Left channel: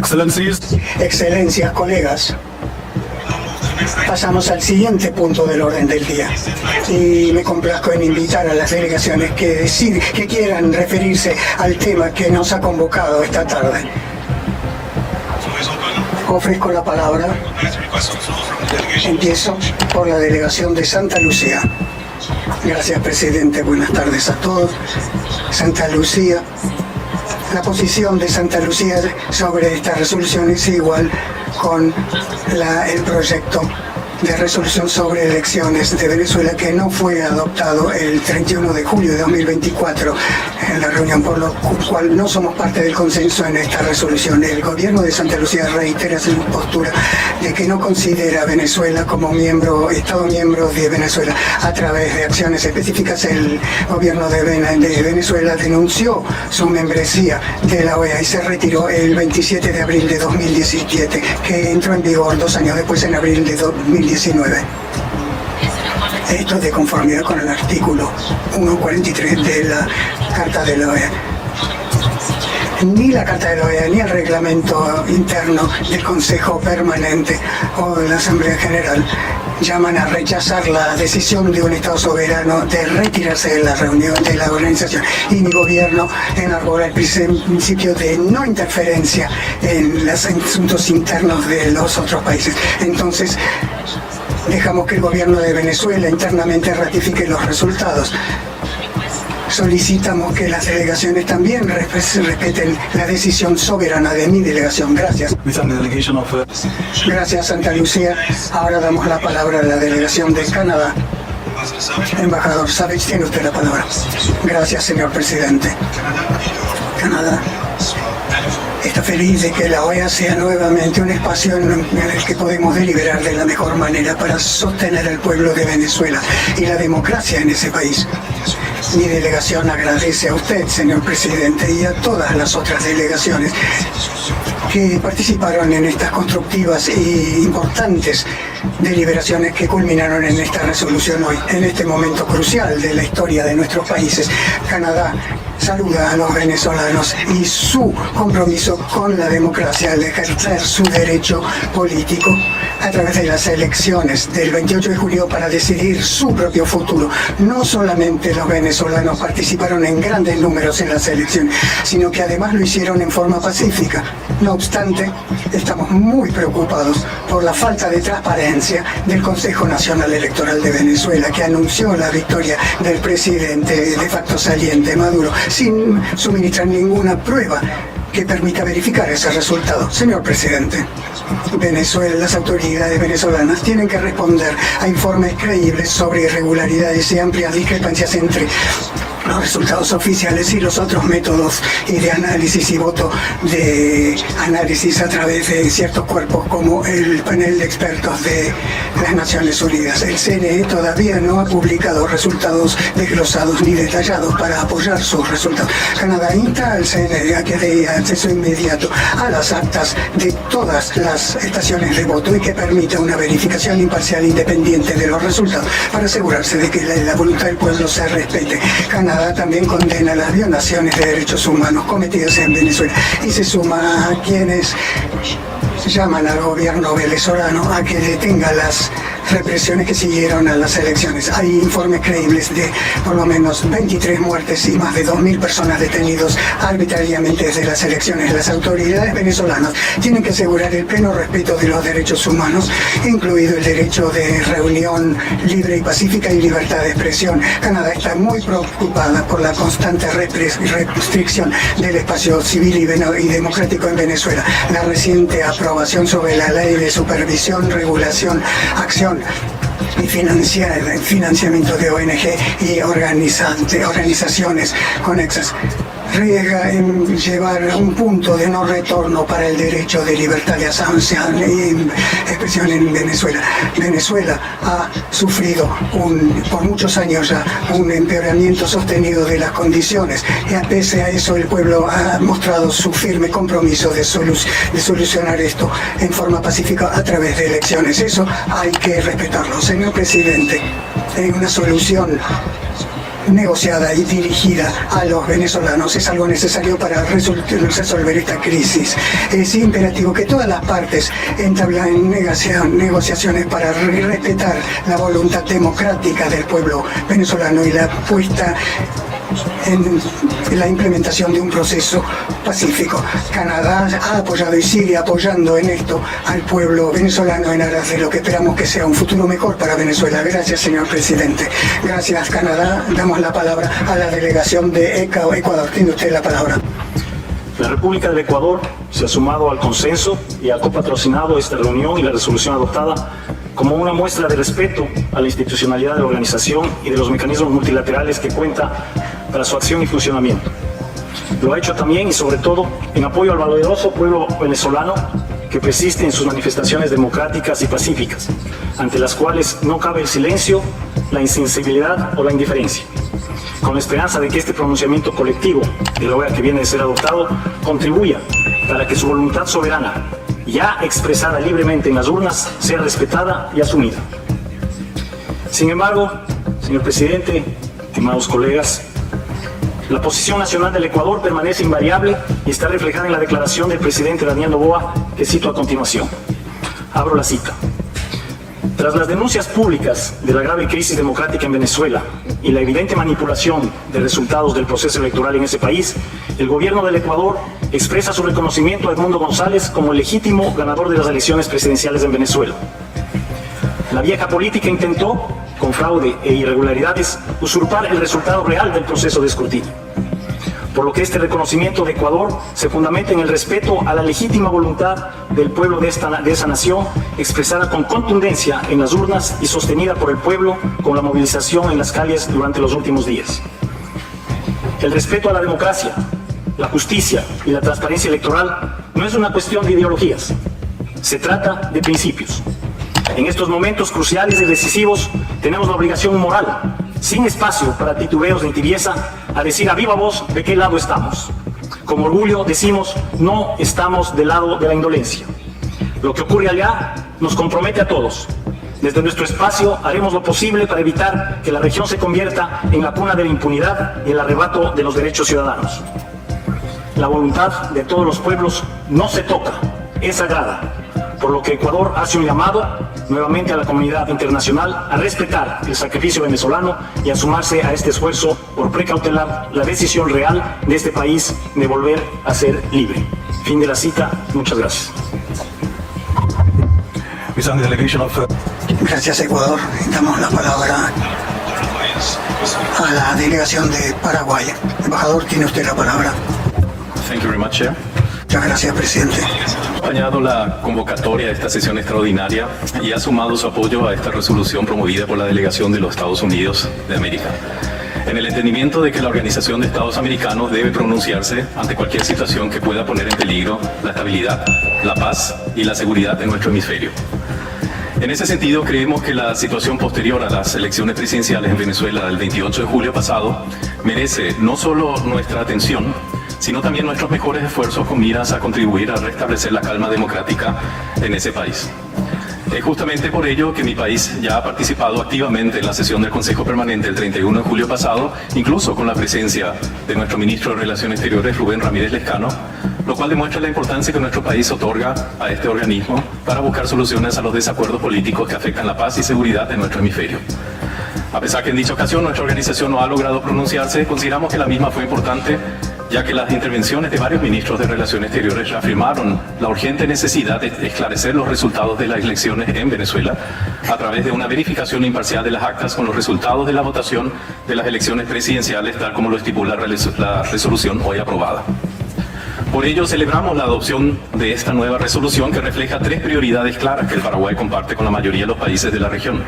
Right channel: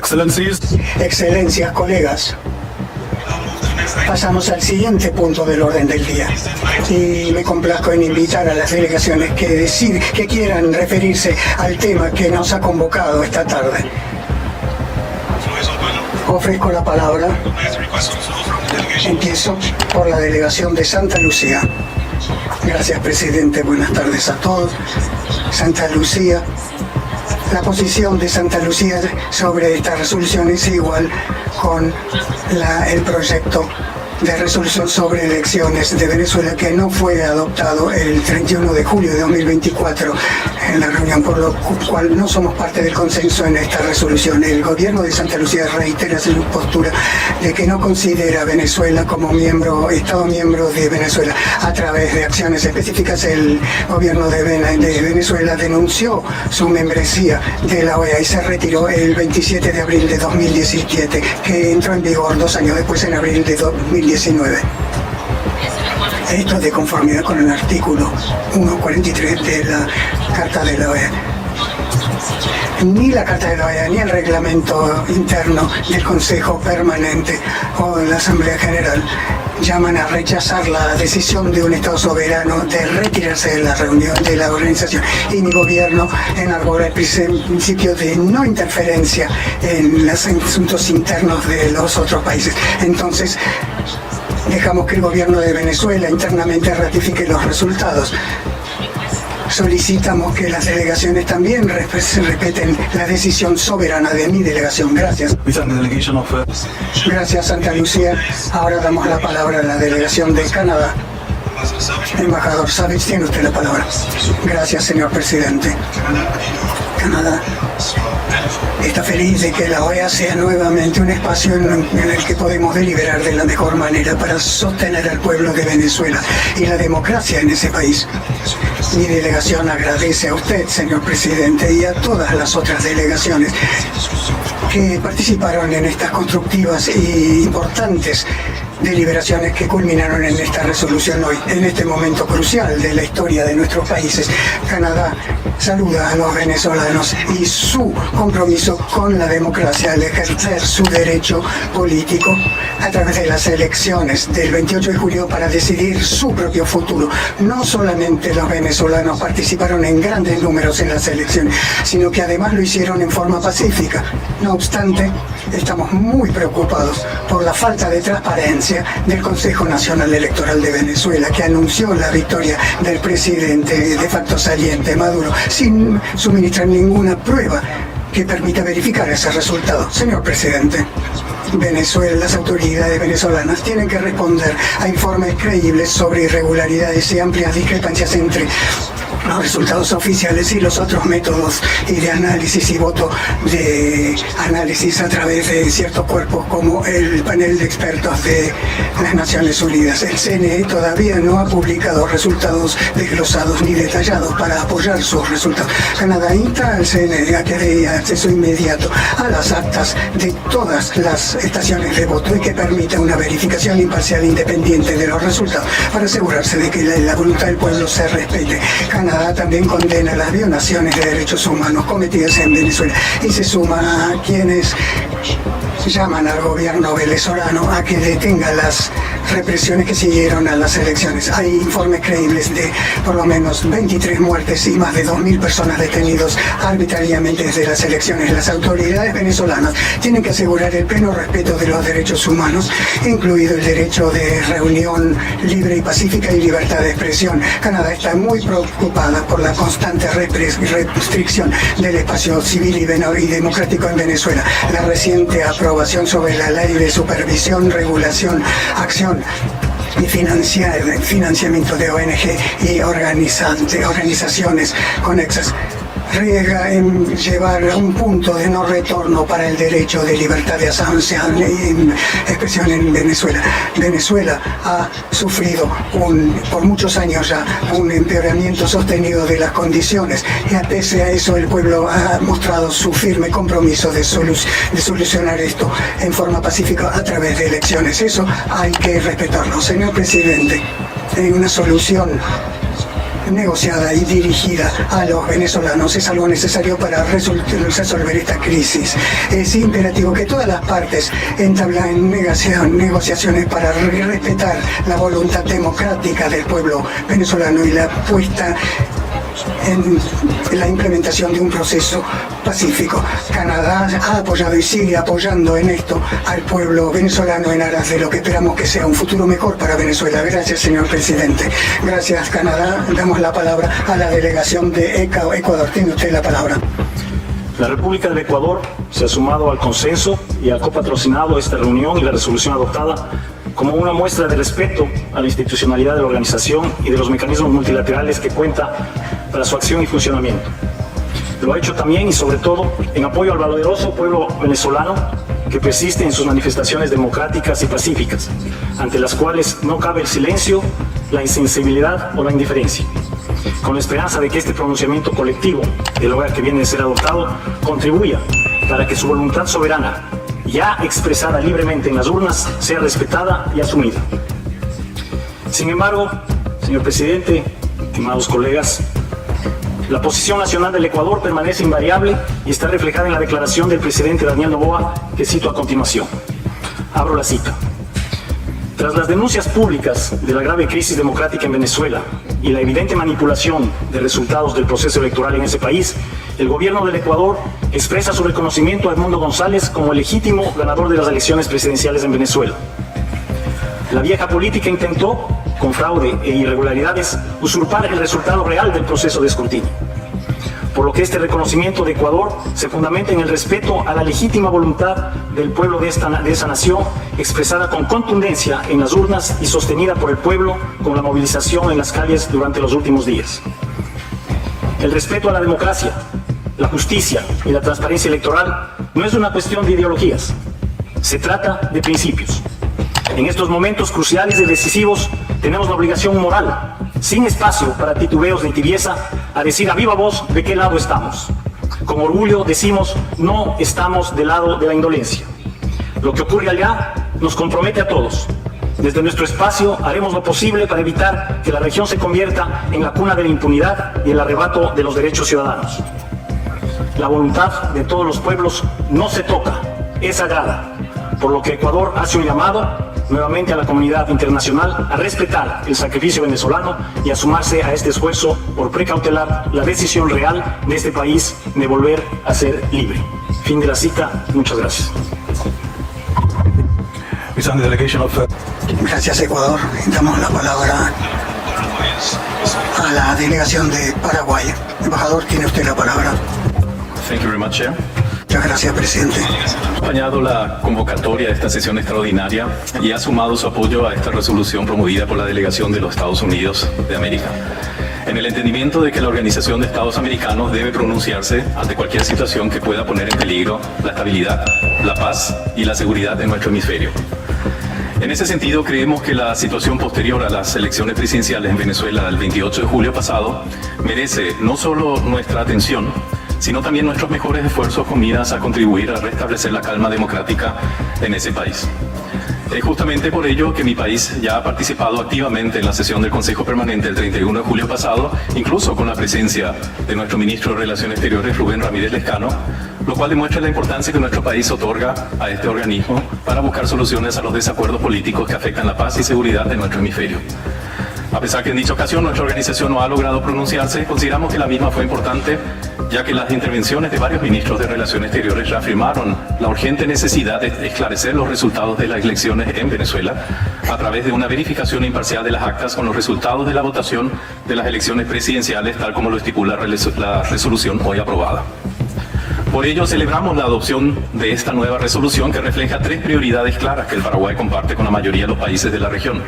Excellencies. Excelencias, colegas, pasamos al siguiente punto del orden del día. Y me complazco en invitar a las delegaciones que quieran referirse al tema que nos ha convocado esta tarde. Ofrezco la palabra. Empiezo por la delegación de Santa Lucía. Gracias, presidente. Buenas tardes a todos. Santa Lucía. La posición de Santa Lucía sobre esta resolución es igual con el proyecto de resolución sobre elecciones de Venezuela que no fue adoptado el 31 de julio de 2024 en la reunión, por lo cual no somos parte del consenso en esta resolución. El gobierno de Santa Lucía reitera su postura de que no considera a Venezuela como Estado miembro de Venezuela. A través de acciones específicas, el gobierno de Venezuela denunció su membresía de la OEA y se retiró el 27 de abril de 2017, que entró en vigor 2 años después, en abril de 2019. Esto es de conformidad con el artículo 143 de la Carta de la OEA. Ni la Carta de la OEA ni el reglamento interno del Consejo Permanente o de la Asamblea General llaman a rechazar la decisión de un Estado soberano de retirarse de la reunión de la organización. Y mi gobierno enarbola el principio de no interferencia en los asuntos internos de los otros países. Entonces, dejamos que el gobierno de Venezuela internamente ratifique los resultados. Solicitamos que las delegaciones también respeten la decisión soberana de mi delegación. Gracias. Gracias, Santa Lucía. Ahora damos la palabra a la delegación de Canadá. Embajador Savage, tiene usted la palabra. Gracias, señor presidente. Canadá está feliz de que la OEA sea nuevamente un espacio en el que podemos deliberar de la mejor manera para sostener al pueblo de Venezuela y la democracia en ese país. Mi delegación agradece a usted, señor presidente, y a todas las otras delegaciones que participaron en estas constructivas e importantes deliberaciones que culminaron en esta resolución hoy. En este momento crucial de la historia de nuestros países, Canadá saluda a los venezolanos y su compromiso con la democracia al ejercer su derecho político a través de las elecciones del 28 de julio para decidir su propio futuro. No solamente los venezolanos participaron en grandes números en las elecciones, sino que además lo hicieron en forma pacífica. No obstante, estamos muy preocupados por la falta de transparencia del Consejo Nacional Electoral de Venezuela, que anunció la victoria del presidente de facto saliente, Maduro, sin suministrar ninguna prueba que permita verificar ese resultado. Señor presidente, las autoridades venezolanas tienen que responder a informes creíbles sobre irregularidades y amplias discrepancias entre los resultados oficiales y los otros métodos y de análisis y voto de análisis a través de ciertos cuerpos como el panel de expertos de las Naciones Unidas. El CNE todavía no ha publicado resultados desglosados ni detallados para apoyar sus resultados. Canadá insta al CNE a que dé acceso inmediato a las actas de todas las estaciones de voto y que permita una verificación imparcial e independiente de los resultados para asegurarse de que la voluntad del pueblo se respete. Canadá también condena las violaciones de derechos humanos cometidas en Venezuela y se suma a quienes llaman al gobierno venezolano a que detenga las represiones que siguieron a las elecciones. Hay informes creíbles de por lo menos 23 muertes y más de 2.000 personas detenidos arbitrariamente desde las elecciones. Las autoridades venezolanas tienen que asegurar el pleno respeto de los derechos humanos, incluido el derecho de reunión libre y pacífica y libertad de expresión. Canadá está muy preocupada por la constante restricción del espacio civil y democrático en Venezuela. La reciente aprobación sobre la ley de supervisión, regulación, acción y financiamiento de ONG y organizaciones conexas riesga en llevar a un punto de no retorno para el derecho de libertad de asociación y expresión en Venezuela. Venezuela ha sufrido por muchos años ya un empeoramiento sostenido de las condiciones y pese a eso el pueblo ha mostrado su firme compromiso de solucionar esto en forma pacífica a través de elecciones. Eso hay que respetarlo. Señor presidente, hay una solución negociada y dirigida a los venezolanos es algo necesario para resolver esta crisis. Es imperativo que todas las partes entablen negociaciones para respetar la voluntad democrática del pueblo venezolano y la puesta en la implementación de un proceso pacífico. Canadá ha apoyado y sigue apoyando en esto al pueblo venezolano en aras de lo que esperamos que sea un futuro mejor para Venezuela. Gracias, señor presidente. Gracias, Canadá. Damos la palabra a la delegación de Ecuador. Tiene usted la palabra. La República del Ecuador se ha sumado al consenso y ha copatrocinado esta reunión y la resolución adoptada como una muestra de respeto a la institucionalidad de la organización y de los mecanismos multilaterales que cuenta para su acción y funcionamiento. Lo ha hecho también y sobre todo en apoyo al valeroso pueblo venezolano que persiste en sus manifestaciones democráticas y pacíficas, ante las cuales no cabe el silencio, la insensibilidad o la indiferencia. Con la esperanza de que este pronunciamiento colectivo del hogar que viene de ser adoptado contribuya para que su voluntad soberana, ya expresada libremente en las urnas, sea respetada y asumida. Sin embargo, señor presidente, estimados colegas, la posición nacional del Ecuador permanece invariable y está reflejada en la declaración del presidente Daniel Noboa, que cito a continuación. Abro la cita. Tras las denuncias públicas de la grave crisis democrática en Venezuela y la evidente manipulación de resultados del proceso electoral en ese país, el gobierno del Ecuador expresa su reconocimiento a Edmundo González como el legítimo ganador de las elecciones presidenciales en Venezuela. La vieja política intentó, con fraude e irregularidades, usurpar el resultado real del proceso de escrutinio. Por lo que este reconocimiento de Ecuador se fundamenta en el respeto a la legítima voluntad del pueblo de esa nación, expresada con contundencia en las urnas y sostenida por el pueblo con la movilización en las calles durante los últimos días. El respeto a la democracia, la justicia y la transparencia electoral no es una cuestión de ideologías, se trata de principios. En estos momentos cruciales y decisivos tenemos la obligación moral, sin espacio para titubeos ni tibieza, a decir a viva voz de qué lado estamos. Con orgullo decimos, no estamos del lado de la indolencia. Lo que ocurre allá nos compromete a todos. Desde nuestro espacio haremos lo posible para evitar que la región se convierta en la cuna de la impunidad y el arrebato de los derechos ciudadanos. La voluntad de todos los pueblos no se toca, es sagrada, por lo que Ecuador hace un llamado nuevamente a la comunidad internacional a respetar el sacrificio venezolano y a sumarse a este esfuerzo por precautelar la decisión real de este país de volver a ser libre. Fin de la cita. Muchas gracias. Gracias, Ecuador. Damos la palabra a la delegación de Paraguay. Embajador, tiene usted la palabra. Thank you very much, Chair. Muchas gracias, presidente. Ha acompañado la convocatoria de esta sesión extraordinaria y ha sumado su apoyo a esta resolución promovida por la delegación de los Estados Unidos de América, en el entendimiento de que la Organización de Estados Americanos debe pronunciarse ante cualquier situación que pueda poner en peligro la estabilidad, la paz y la seguridad de nuestro hemisferio. En ese sentido, creemos que la situación posterior a las elecciones presidenciales en Venezuela el 28 de julio pasado merece no solo nuestra atención, sino también nuestros mejores esfuerzos con miras a contribuir a restablecer la calma democrática en ese país. Es justamente por ello que mi país ya ha participado activamente en la sesión del Consejo Permanente el 31 de julio pasado, incluso con la presencia de nuestro ministro de Relaciones Exteriores, Rubén Ramírez Lescano, lo cual demuestra la importancia que nuestro país otorga a este organismo para buscar soluciones a los desacuerdos políticos que afectan la paz y seguridad de nuestro hemisferio. A pesar que en dicha ocasión nuestra organización no ha logrado pronunciarse, consideramos que la misma fue importante, ya que las intervenciones de varios ministros de Relaciones Exteriores reafirmaron la urgente necesidad de esclarecer los resultados de las elecciones en Venezuela a través de una verificación imparcial de las actas con los resultados de la votación de las elecciones presidenciales, tal como lo estipula la resolución hoy aprobada. Por ello, celebramos la adopción de esta nueva resolución que refleja tres prioridades claras que el Paraguay comparte con la mayoría de los países de la región.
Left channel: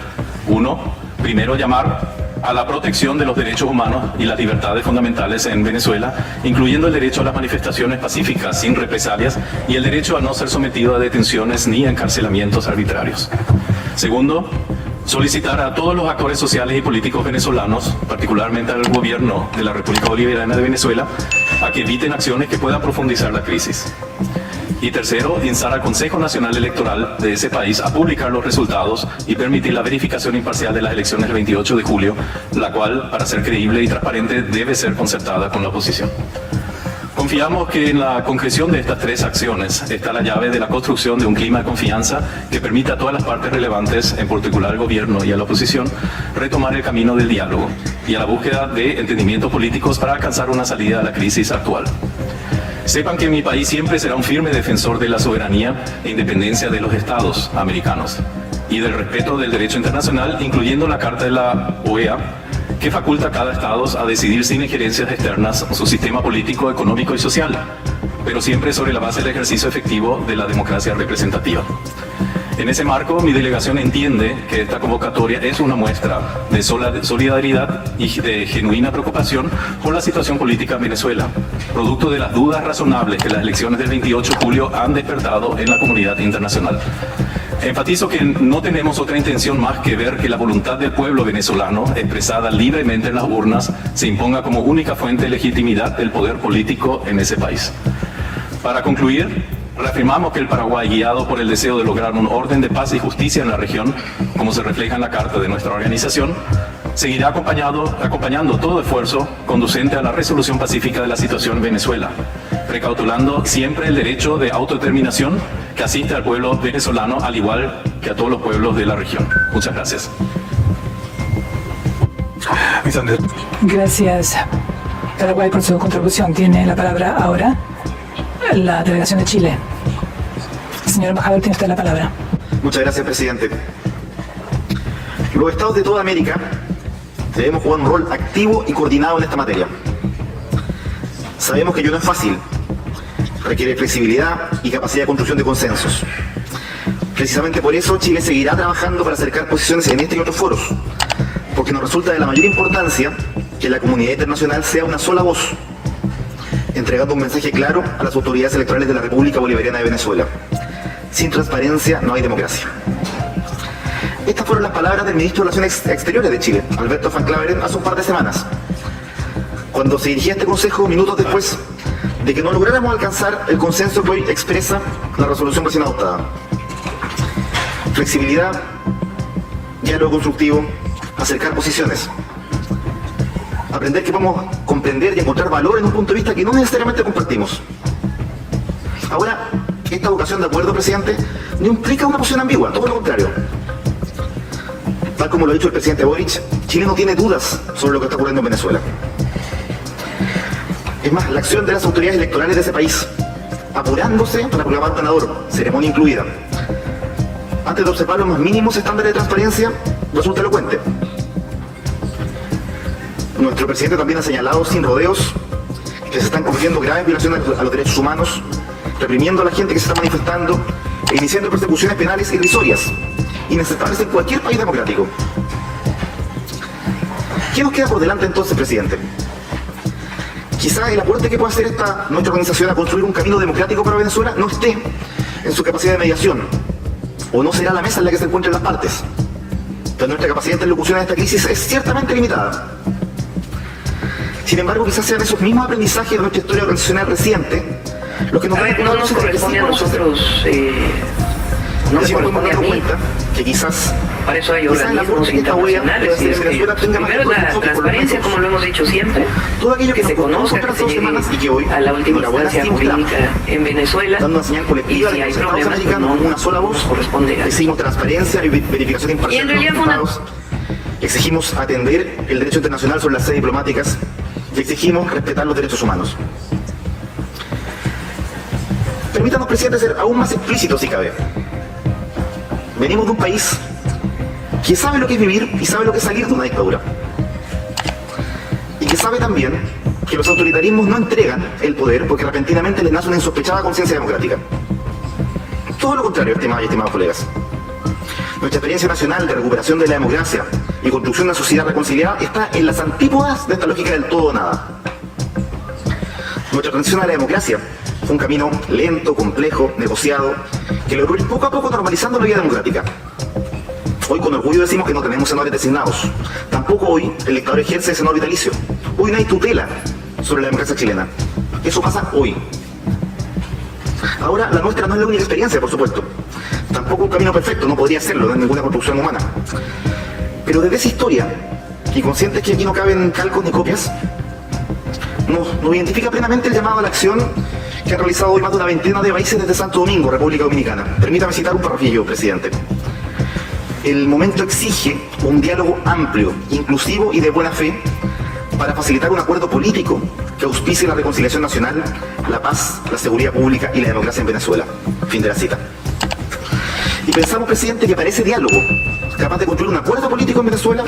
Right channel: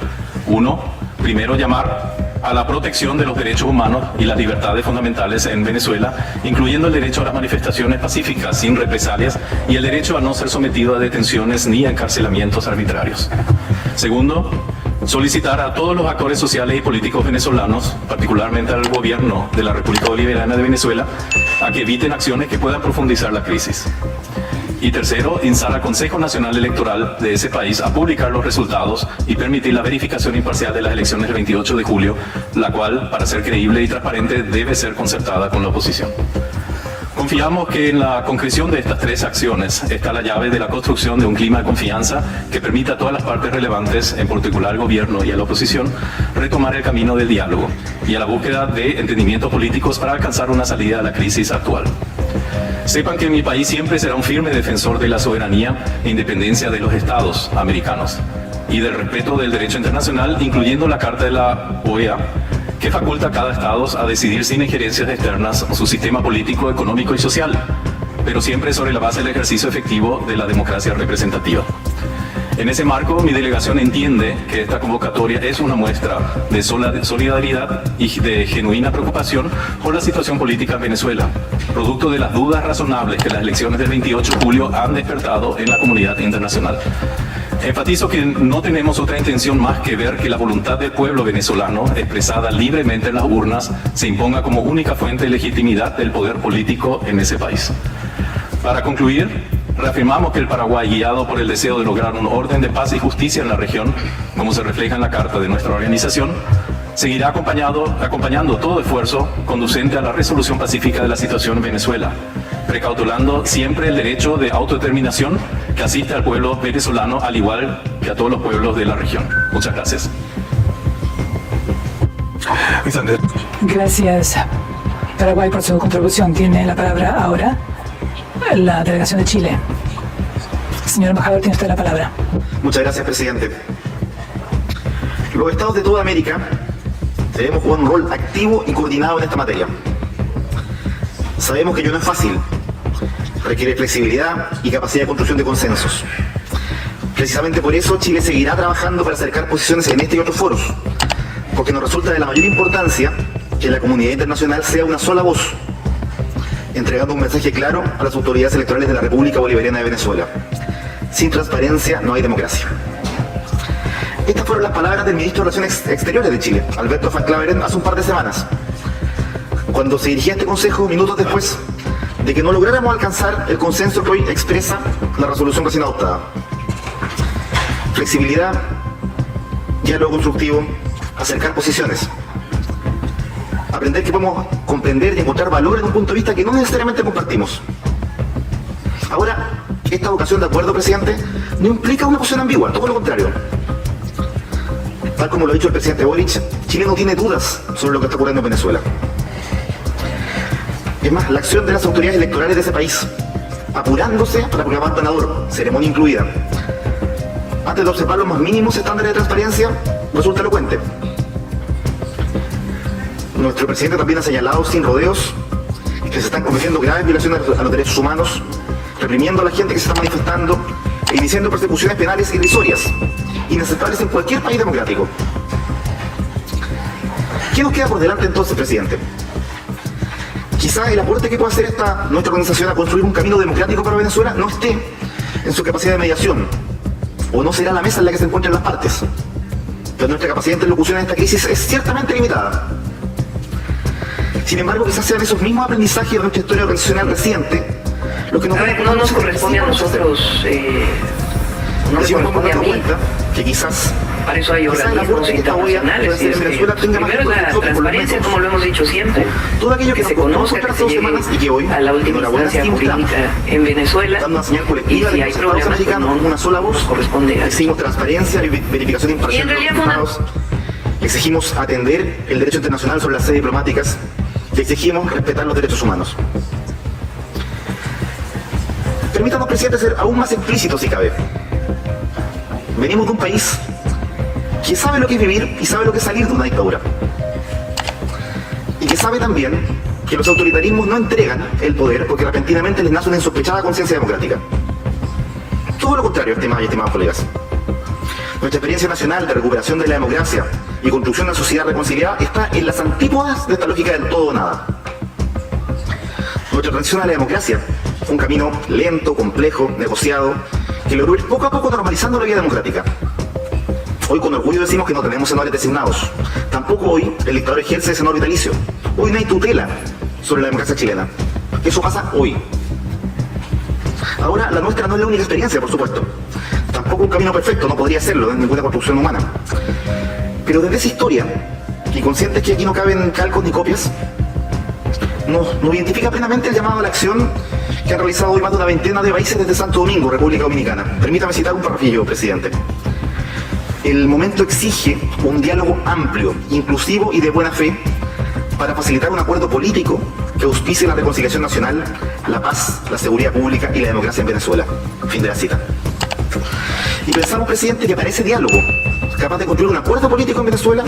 Uno, primero llamar a la protección de los derechos humanos y las libertades fundamentales en Venezuela, incluyendo el derecho a las manifestaciones pacíficas sin represalias y el derecho a no ser sometido a detenciones ni a encarcelamientos arbitrarios. Segundo, solicitar a todos los actores sociales y políticos venezolanos, particularmente al gobierno de la República Bolivariana de Venezuela, a que eviten acciones que puedan profundizar la crisis. Y tercero, instar al Consejo Nacional Electoral de ese país a publicar los resultados y permitir la verificación imparcial de las elecciones del 28 de julio, la cual, para ser creíble y transparente, debe ser concertada con la oposición. Confiamos que en la concreción de estas tres acciones está la llave de la construcción de un clima de confianza que permita a todas las partes relevantes, en particular al gobierno y a la oposición, retomar el camino del diálogo y a la búsqueda de entendimientos políticos para alcanzar una salida a la crisis actual. Sepan que mi país siempre será un firme defensor de la soberanía e independencia de los estados americanos y del respeto del derecho internacional, incluyendo la Carta de la OEA, que faculta a cada estado a decidir sin injerencias externas su sistema político, económico y social, pero siempre sobre la base del ejercicio efectivo de la democracia representativa. En ese marco, mi delegación entiende que esta convocatoria es una muestra de solidaridad y de genuina preocupación por la situación política en Venezuela, producto de las dudas razonables que las elecciones del 28 de julio han despertado en la comunidad internacional. Enfatizo que no tenemos otra intención más que ver que la voluntad del pueblo venezolano, expresada libremente en las urnas, se imponga como única fuente de legitimidad del poder político en ese país. Para concluir, reafirmamos que el Paraguay, guiado por el deseo de lograr un orden de paz y justicia en la región, como se refleja en la carta de nuestra organización, seguirá acompañando todo esfuerzo conducente a la resolución pacífica de la situación en Venezuela, precautelando siempre el derecho de autodeterminación que asiste al pueblo venezolano, al igual que a todos los pueblos de la región. Muchas gracias. Gracias, Paraguay, por su contribución. Tiene la palabra ahora la delegación de Chile. Señor embajador, tiene usted la palabra. Muchas gracias, presidente. Los estados de toda América debemos jugar un rol activo y coordinado en esta materia. Sabemos que ello no es fácil, requiere flexibilidad y capacidad de construcción de consensos. Precisamente por eso Chile seguirá trabajando para acercar posiciones en este y otros foros, porque nos resulta de la mayor importancia que la comunidad internacional sea una sola voz, entregando un mensaje claro a las autoridades electorales de la República Bolivariana de Venezuela. Sin transparencia no hay democracia. Estas fueron las palabras del ministro de Relaciones Exteriores de Chile, Alberto Van Klaveren, hace un par de semanas, cuando se dirigía a este consejo minutos después de que no lográramos alcanzar el consenso que hoy expresa la resolución recién adoptada. Flexibilidad, diálogo constructivo, acercar posiciones, aprender que podemos comprender y encontrar valor en un punto de vista que no necesariamente compartimos. Ahora, esta vocación de acuerdo, presidente, no implica una posición ambigua, todo lo contrario. Tal como lo ha dicho el presidente Boric, Chile no tiene dudas sobre lo que está ocurriendo en Venezuela. Es más, la acción de las autoridades electorales de ese país, apurándose para proclamar ganador, ceremonia incluida, antes de observar los más mínimos estándares de transparencia, resulta elocuente. Nuestro presidente también ha señalado sin rodeos que se están cometiendo graves violaciones a los derechos humanos, reprimiendo a la gente que se está manifestando e iniciando persecuciones penales irrisorias, inaceptables en cualquier país democrático. ¿Qué nos queda por delante entonces, presidente? Quizás el aporte que pueda hacer nuestra organización a construir un camino democrático para Venezuela no esté en su capacidad de mediación, o no será la mesa en la que se encuentren las partes. Pero nuestra capacidad de interlocución en esta crisis es ciertamente limitada. Sin embargo, quizás sean esos mismos aprendizajes de nuestra historia organizacional reciente los que nos van a no nos corresponde a nosotros, no nos corresponde a mí. Que quizás Para eso hay la organismos próxima internacionales. Venezuela tenga más Primero la enfoque por transparencia, como lo hemos dicho siempre, todo aquello que que nos se costó conozca, superar que se hace 2 semanas y que llegue hoy, a la última enhorabuena, instancia sí mostramos, jurídica en Venezuela, dando una señal y colectiva si de hay los estados problemas, pues americanos, no una sola voz, corresponde a exigimos transparencia y verificación Y imparcial en de los realidad una- resultados, exigimos atender el derecho internacional sobre las sedes diplomáticas y exigimos respetar los derechos humanos. Permítanos, presidente, ser aún más explícitos si cabe. Venimos de un país que sabe lo que es vivir y sabe lo que es salir de una dictadura. Y que sabe también que los autoritarismos no entregan el poder porque repentinamente les nace una insospechada conciencia democrática. Todo lo contrario, estimados y estimados colegas. Nuestra experiencia nacional de recuperación de la democracia y construcción de una sociedad reconciliada está en las antípodas de esta lógica del todo o nada. Nuestra transición a la democracia fue un camino lento, complejo, negociado, que logró ir poco a poco normalizando la vida democrática. Hoy con orgullo decimos que no tenemos senadores designados. Tampoco hoy el dictador ejerce senador vitalicio. Hoy no hay tutela sobre la democracia chilena. Eso pasa hoy. Ahora, la nuestra no es la única experiencia, por supuesto. Tampoco un camino perfecto, no podría serlo en ninguna construcción humana. Pero desde esa historia, y conscientes que aquí no caben calcos ni copias, nos identifica plenamente el llamado a la acción que ha realizado hoy más de una veintena de países desde Santo Domingo, República Dominicana. Permítame citar un párrafo, presidente. El momento exige un diálogo amplio, inclusivo y de buena fe para facilitar un acuerdo político que auspicie la reconciliación nacional, la paz, la seguridad pública y la democracia en Venezuela. Fin de la cita. Y pensamos, presidente, que para ese diálogo, capaz de construir un acuerdo político en Venezuela,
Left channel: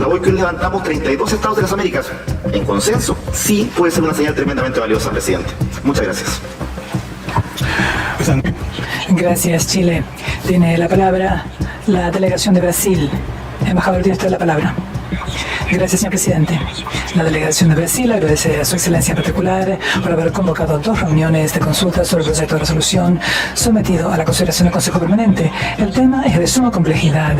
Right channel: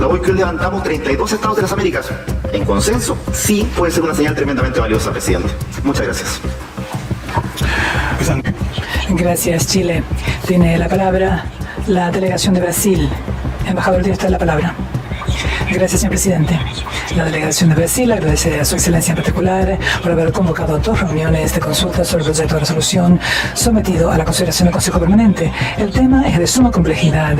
la hoy que hoy levantamos 32 estados de las Américas en consenso, sí puede ser una señal tremendamente valiosa, presidente. Muchas gracias. Gracias, Chile. Tiene la palabra la delegación de Brasil. Embajador, tiene usted la palabra. Gracias, señor presidente. La delegación de Brasil agradece a su excelencia en particular por haber convocado 2 reuniones de consulta sobre el proyecto de resolución sometido a la consideración del Consejo Permanente. El tema es de suma complejidad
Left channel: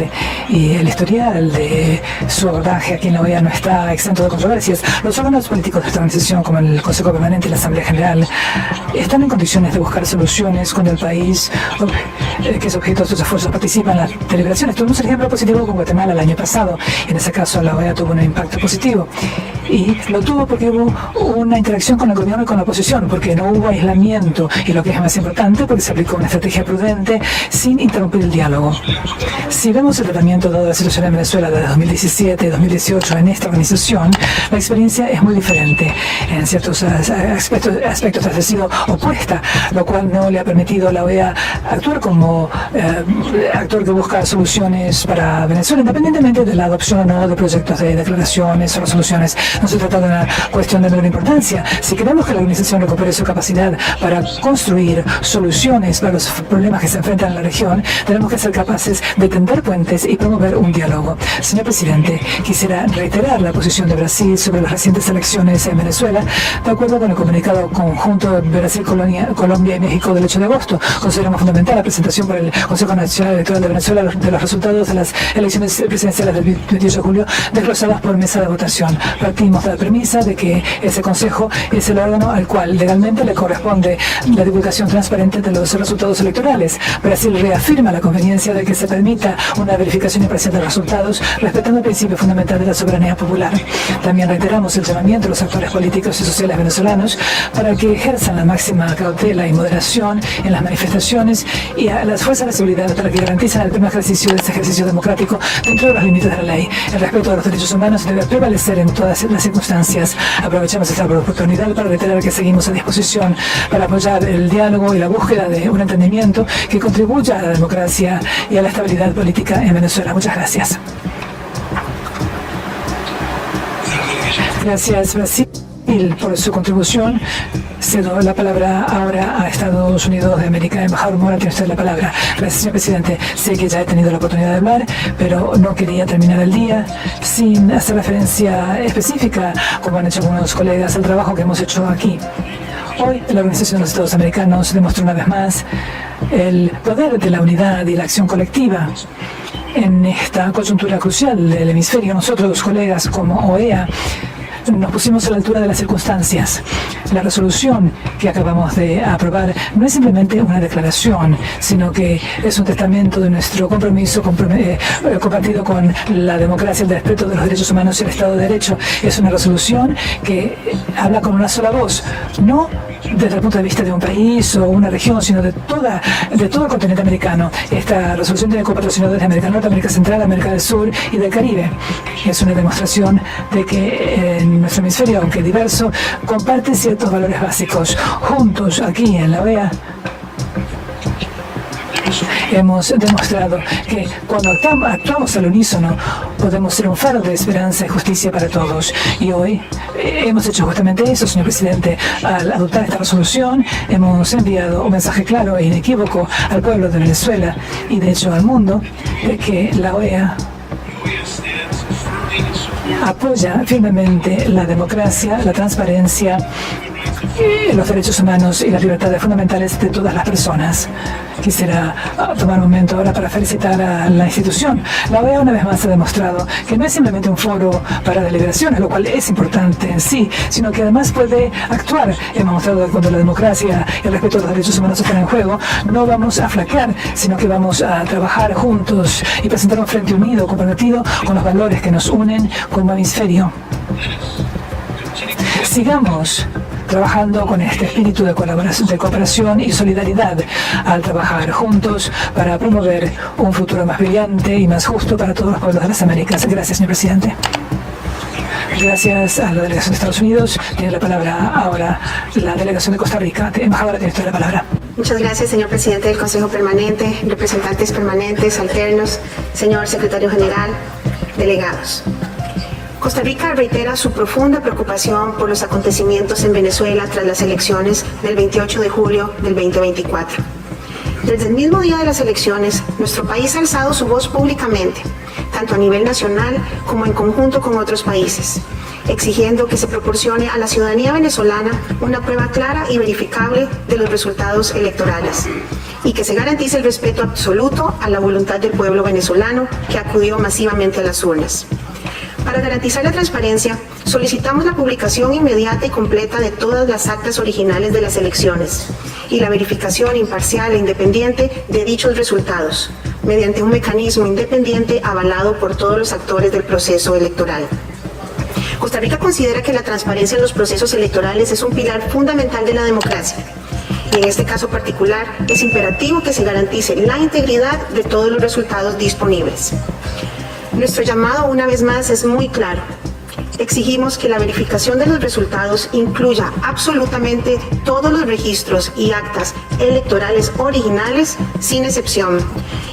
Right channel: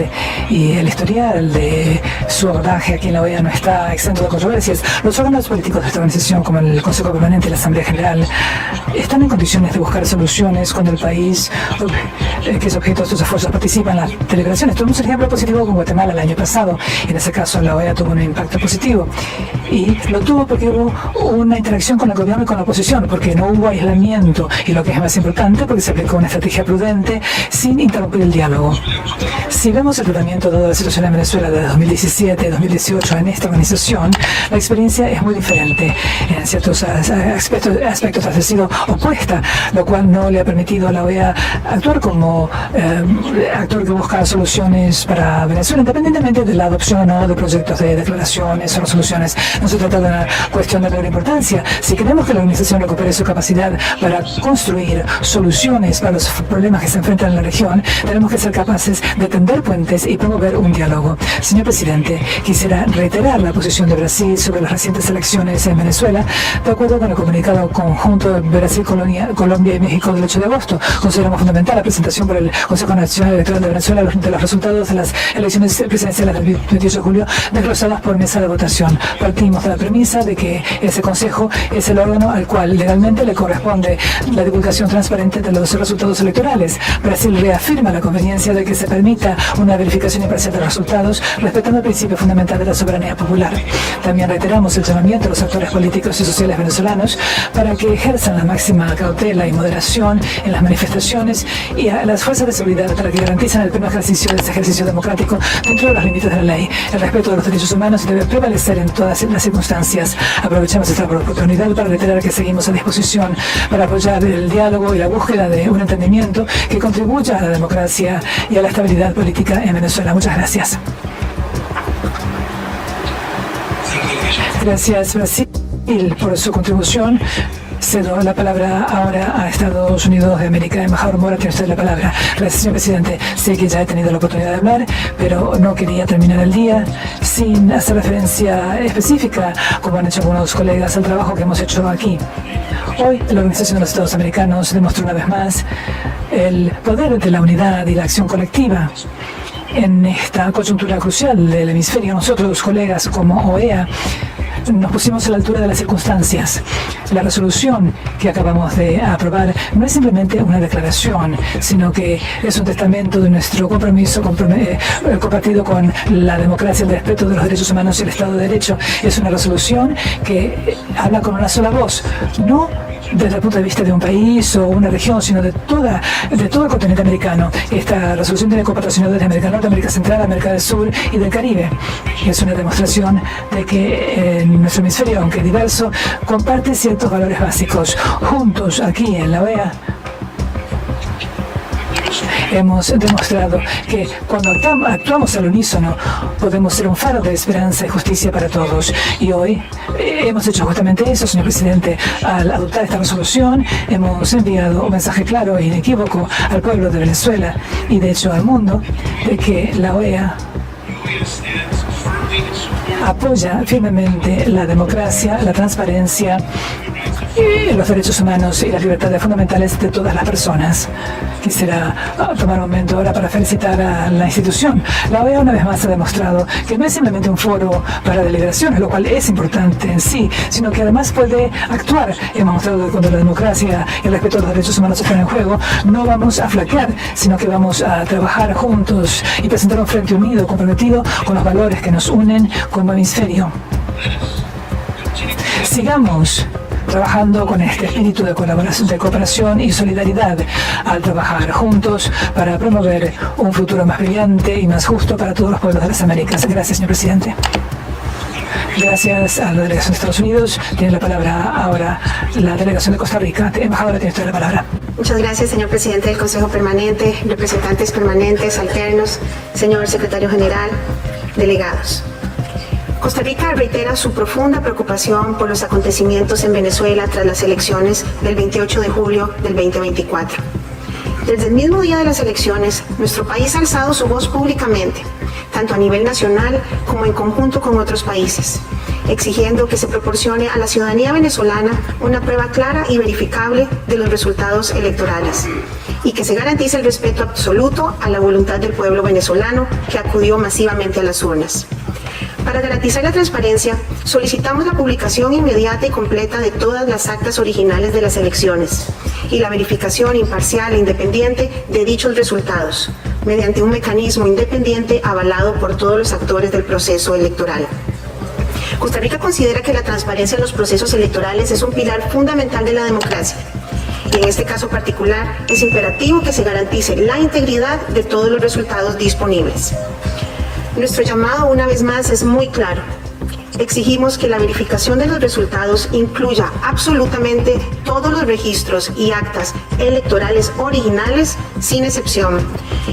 y el historial de su abordaje aquí en la OEA no está exento de controversias. Los órganos políticos de esta organización, como el Consejo Permanente y la Asamblea General, están en condiciones de buscar soluciones cuando el país que es objeto de sus esfuerzos participa en las deliberaciones. Tuvimos el ejemplo positivo con Guatemala el año pasado. En ese caso, la OEA tuvo un impacto positivo. Y lo tuvo porque hubo una interacción con el gobierno y con la oposición, porque no hubo aislamiento y lo que es más importante, porque se aplicó una estrategia prudente sin interrumpir el diálogo. Si vemos el tratamiento dado a la situación en Venezuela de 2017 y 2018 en esta organización, la experiencia es muy diferente. En ciertos aspectos ha sido opuesta, lo cual no le ha permitido a la OEA actuar como actor que busca soluciones para Venezuela, independientemente de la adopción o no de proyectos de declaraciones o resoluciones. No se trata de una cuestión de menor importancia. Si queremos que la organización recupere su capacidad para construir soluciones para los problemas que se enfrentan en la región, tenemos que ser capaces de tender puentes y promover un diálogo. Señor presidente, quisiera reiterar la posición de Brasil sobre las recientes elecciones en Venezuela, de acuerdo con el comunicado conjunto de Brasil, Colombia y México del 8 de agosto. Consideramos fundamental la presentación por el Consejo Nacional Electoral de Venezuela de los resultados de las elecciones presidenciales del 28 de julio, desglosadas por mesa de votación. Partimos de la premisa de que ese Consejo es el órgano al cual legalmente le corresponde la divulgación transparente de los resultados electorales. Brasil reafirma la conveniencia de que se permita una verificación imparcial de los resultados, respetando el principio fundamental de la soberanía popular. También reiteramos el llamamiento a los actores políticos y sociales venezolanos para que ejerzan la máxima cautela y moderación en las manifestaciones y a las fuerzas de seguridad para que garanticen el pleno ejercicio de este ejercicio democrático dentro de los límites de la ley. El respeto de los derechos humanos debe prevalecer en todas las circunstancias. Aprovechamos esta oportunidad para reiterar que seguimos a disposición para apoyar el diálogo y la búsqueda de un entendimiento que contribuya a la democracia y a la estabilidad política en Venezuela. Muchas gracias. Gracias, Brasil, por su contribución. Cedo la palabra ahora a Estados Unidos de América. Embajador Mora, tiene usted la palabra. Gracias, señor presidente. Sé que ya he tenido la oportunidad de hablar, pero no quería terminar el día sin hacer referencia específica, como han hecho algunos colegas, al trabajo que hemos hecho aquí. Hoy, la Organización de los Estados Americanos demostró una vez más el poder de la unidad y la acción colectiva. En esta coyuntura crucial del hemisferio, nosotros, colegas como OEA, nos pusimos a la altura de las circunstancias. La resolución que acabamos de aprobar no es simplemente una declaración, sino que es un testamento de nuestro compromiso compartido con la democracia, el respeto de los derechos humanos y el Estado de Derecho. Es una resolución que habla con una sola voz, no desde el punto de vista de un país o una región, sino de todo el continente americano. Esta resolución tiene copatrocinadores de América Norte, América Central, América del Sur y del Caribe. Es una demostración de que en nuestro hemisferio, aunque diverso, comparte ciertos valores básicos. Juntos, aquí en la OEA, hemos demostrado que cuando actuamos al unísono podemos ser un faro de esperanza y justicia para todos. Y hoy hemos hecho justamente eso, señor presidente. Al adoptar esta resolución hemos enviado un mensaje claro e inequívoco al pueblo de Venezuela y de hecho al mundo de que la OEA apoya firmemente la democracia, la transparencia, los derechos humanos y las libertades fundamentales de todas las personas. Quisiera tomar un momento ahora para felicitar a la institución. La OEA una vez más ha demostrado que no es simplemente un foro para deliberaciones, lo cual es importante en sí, sino que además puede actuar. Hemos mostrado que cuando la democracia y el respeto a los derechos humanos están en juego, no vamos a flaquear, sino que vamos a trabajar juntos y presentar un frente unido, comprometido con los valores que nos unen como hemisferio. Sigamos trabajando con este espíritu de colaboración, de cooperación y solidaridad al trabajar juntos para promover un futuro más brillante y más justo para todos los pueblos de las Américas. Gracias, señor presidente. Gracias a la delegación de Estados Unidos. Tiene la palabra ahora la delegación de Costa Rica. Embajadora, tiene usted la palabra. Muchas gracias, señor presidente del Consejo Permanente, representantes permanentes, alternos, señor secretario general, delegados. Costa Rica reitera su profunda preocupación por los acontecimientos en Venezuela tras las elecciones del 28 de julio del 2024. Desde el mismo día de las elecciones, nuestro país ha alzado su voz públicamente, tanto a nivel nacional como en conjunto con otros países, exigiendo que se proporcione a la ciudadanía venezolana una prueba clara y verificable de los resultados electorales y que se garantice el respeto absoluto a la voluntad del pueblo venezolano que acudió masivamente a las urnas. Para garantizar la transparencia, solicitamos la publicación inmediata y completa de todas las actas originales de las elecciones y la verificación imparcial e independiente de dichos resultados, mediante un mecanismo independiente avalado por todos los actores del proceso electoral. Costa Rica considera que la transparencia en los procesos electorales es un pilar fundamental de la democracia. Y en este caso particular, es imperativo que se garantice la integridad de todos los resultados disponibles. Nuestro llamado, una vez más, es muy claro. Exigimos que la verificación de los resultados incluya absolutamente todos los registros y actas electorales originales, sin excepción,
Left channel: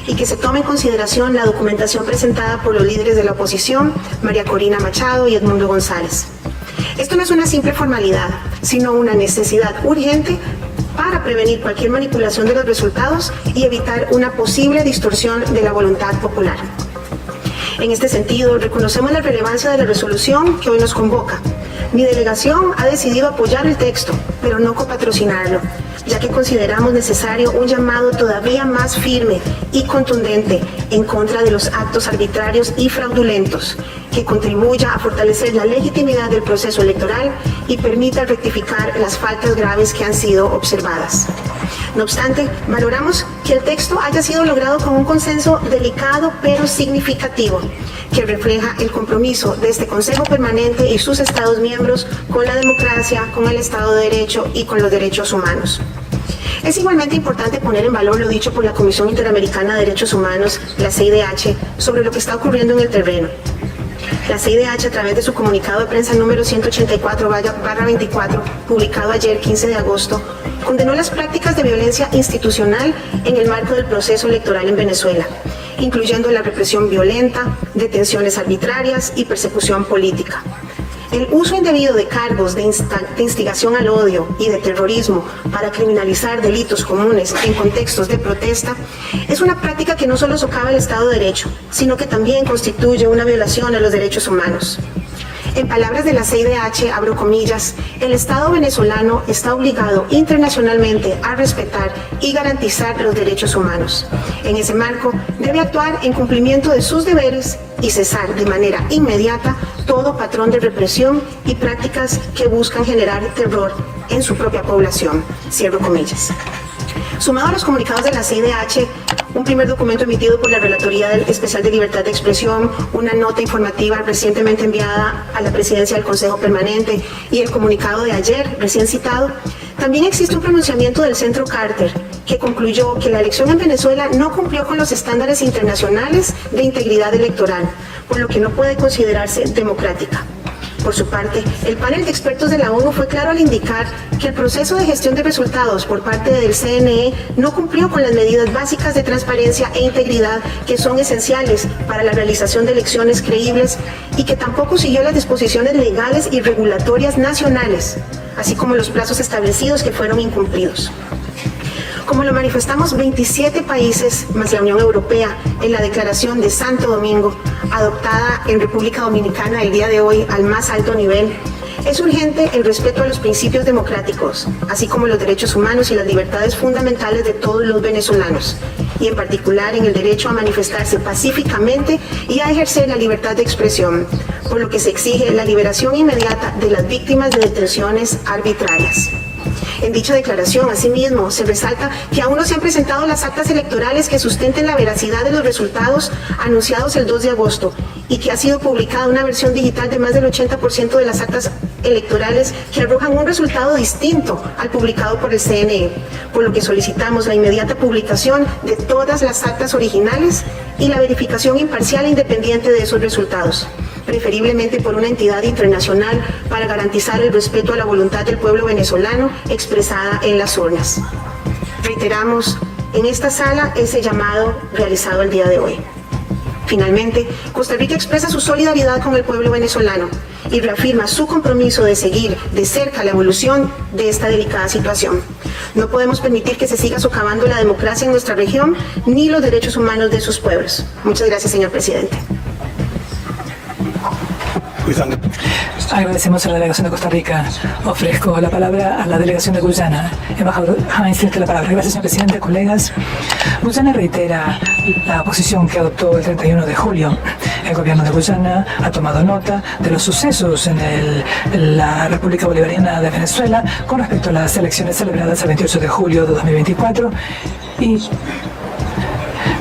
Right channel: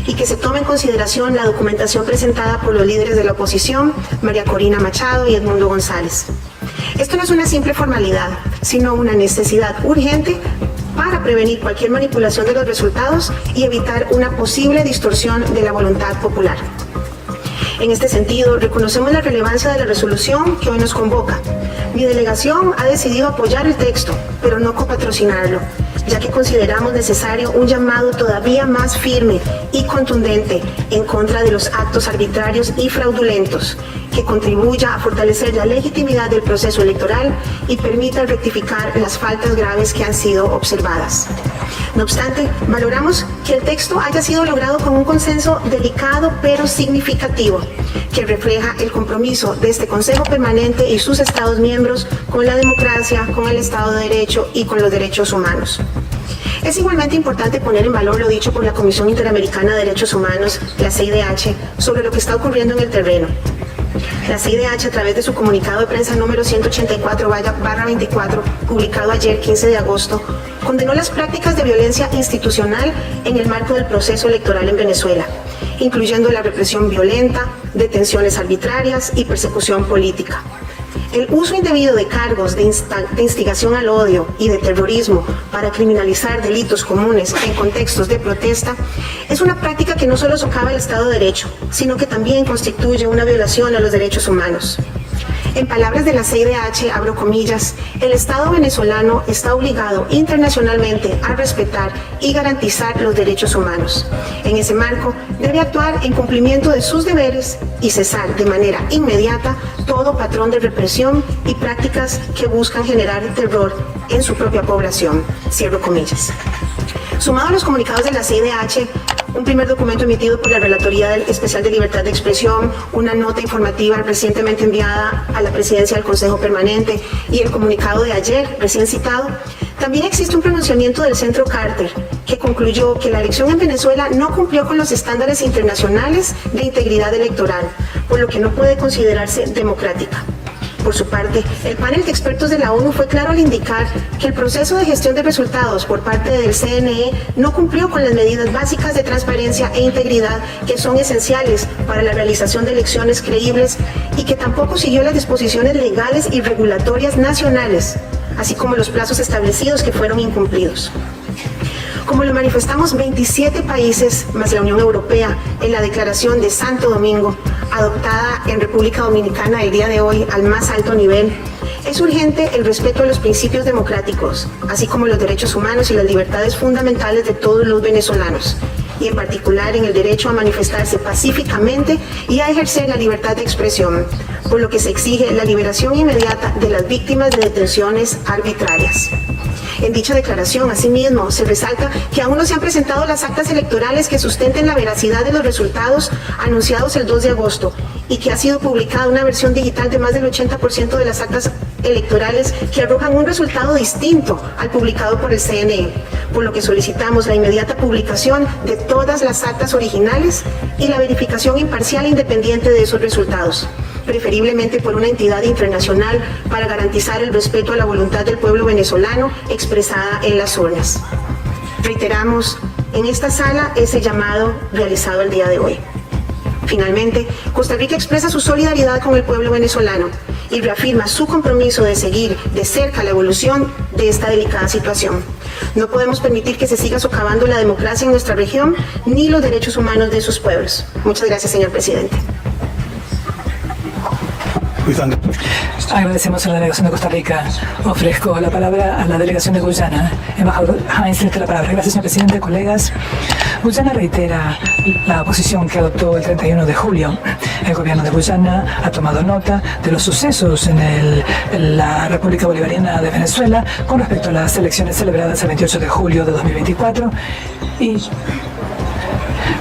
y que se tome en consideración la documentación presentada por los líderes de la oposición, María Corina Machado y Edmundo González. Esto no es una simple formalidad, sino una necesidad urgente para prevenir cualquier manipulación de los resultados y evitar una posible distorsión de la voluntad popular. En este sentido, reconocemos la relevancia de la resolución que hoy nos convoca. Mi delegación ha decidido apoyar el texto, pero no copatrocinarlo, ya que consideramos necesario un llamado todavía más firme y contundente en contra de los actos arbitrarios y fraudulentos, que contribuya a fortalecer la legitimidad del proceso electoral y permita rectificar las faltas graves que han sido observadas. No obstante, valoramos que el texto haya sido logrado con un consenso delicado pero significativo, que refleja el compromiso de este Consejo Permanente y sus Estados miembros con la democracia, con el Estado de Derecho y con los derechos humanos. Es igualmente importante poner en valor lo dicho por la Comisión Interamericana de Derechos Humanos, la CIDH, sobre lo que está ocurriendo en el terreno. La CIDH, a través de su comunicado de prensa número 184/24, publicado ayer, 15 de agosto, condenó las prácticas de violencia institucional en el marco del proceso electoral en Venezuela, incluyendo la represión violenta, detenciones arbitrarias y persecución política. El uso indebido de cargos de instigación al odio y de terrorismo para criminalizar delitos comunes en contextos de protesta es una práctica que no solo socava el Estado de Derecho, sino que también constituye una violación a los derechos humanos. En palabras de la CIDH, abro comillas, el Estado venezolano está obligado internacionalmente a respetar y garantizar los derechos humanos. En ese marco, debe actuar en cumplimiento de sus deberes y cesar de manera inmediata todo patrón de represión y prácticas que buscan generar terror en su propia población. Cierro comillas. Sumado a los comunicados de la CIDH, un primer documento emitido por la Relatoría Especial de Libertad de Expresión, una nota informativa recientemente enviada a la Presidencia del Consejo Permanente y el comunicado de ayer, recién citado, también existe un pronunciamiento del Centro Carter que concluyó que la elección en Venezuela no cumplió con los estándares internacionales de integridad electoral, por lo que no puede considerarse democrática. Por su parte, el panel de expertos de la ONU fue claro al indicar que el proceso de gestión de resultados por parte del CNE no cumplió con las medidas básicas de transparencia e integridad que son esenciales para la realización de elecciones creíbles y que tampoco siguió las disposiciones legales y regulatorias nacionales, así como los plazos establecidos que fueron incumplidos. Como lo manifestamos 27 países, más la Unión Europea, en la Declaración de Santo Domingo, adoptada en República Dominicana el día de hoy al más alto nivel, es urgente el respeto a los principios democráticos, así como los derechos humanos y las libertades fundamentales de todos los venezolanos, y en particular en el derecho a manifestarse pacíficamente y a ejercer la libertad de expresión, por lo que se exige la liberación inmediata de las víctimas de detenciones arbitrarias. En dicha declaración, asimismo, se resalta que aún no se han presentado las actas electorales que sustenten la veracidad de los resultados anunciados el 2 de agosto y que ha sido publicada una versión digital de más del 80% de las actas electorales que arrojan un resultado distinto al publicado por el CNE, por lo que solicitamos la inmediata publicación de todas las actas originales y la verificación imparcial e independiente de esos resultados, preferiblemente por una entidad internacional, para garantizar el respeto a la voluntad del pueblo venezolano expresada en las urnas. Reiteramos en esta sala ese llamado realizado el día de hoy. Finalmente, Costa Rica expresa su solidaridad con el pueblo venezolano y reafirma su compromiso de seguir de cerca la evolución de esta delicada situación. No podemos permitir que se siga socavando la democracia en nuestra región ni los derechos humanos de sus pueblos. Muchas gracias, señor presidente. Agradecemos a la delegación de Costa Rica. Ofrezco la palabra a la delegación de Guyana. Embajador Hines, tiene la palabra. Gracias, señor presidente, colegas. Guyana reitera la posición que adoptó el 31 de julio. El gobierno de Guyana ha tomado nota de los sucesos en la República Bolivariana de Venezuela con respecto a las elecciones celebradas el 28 de julio de 2024 y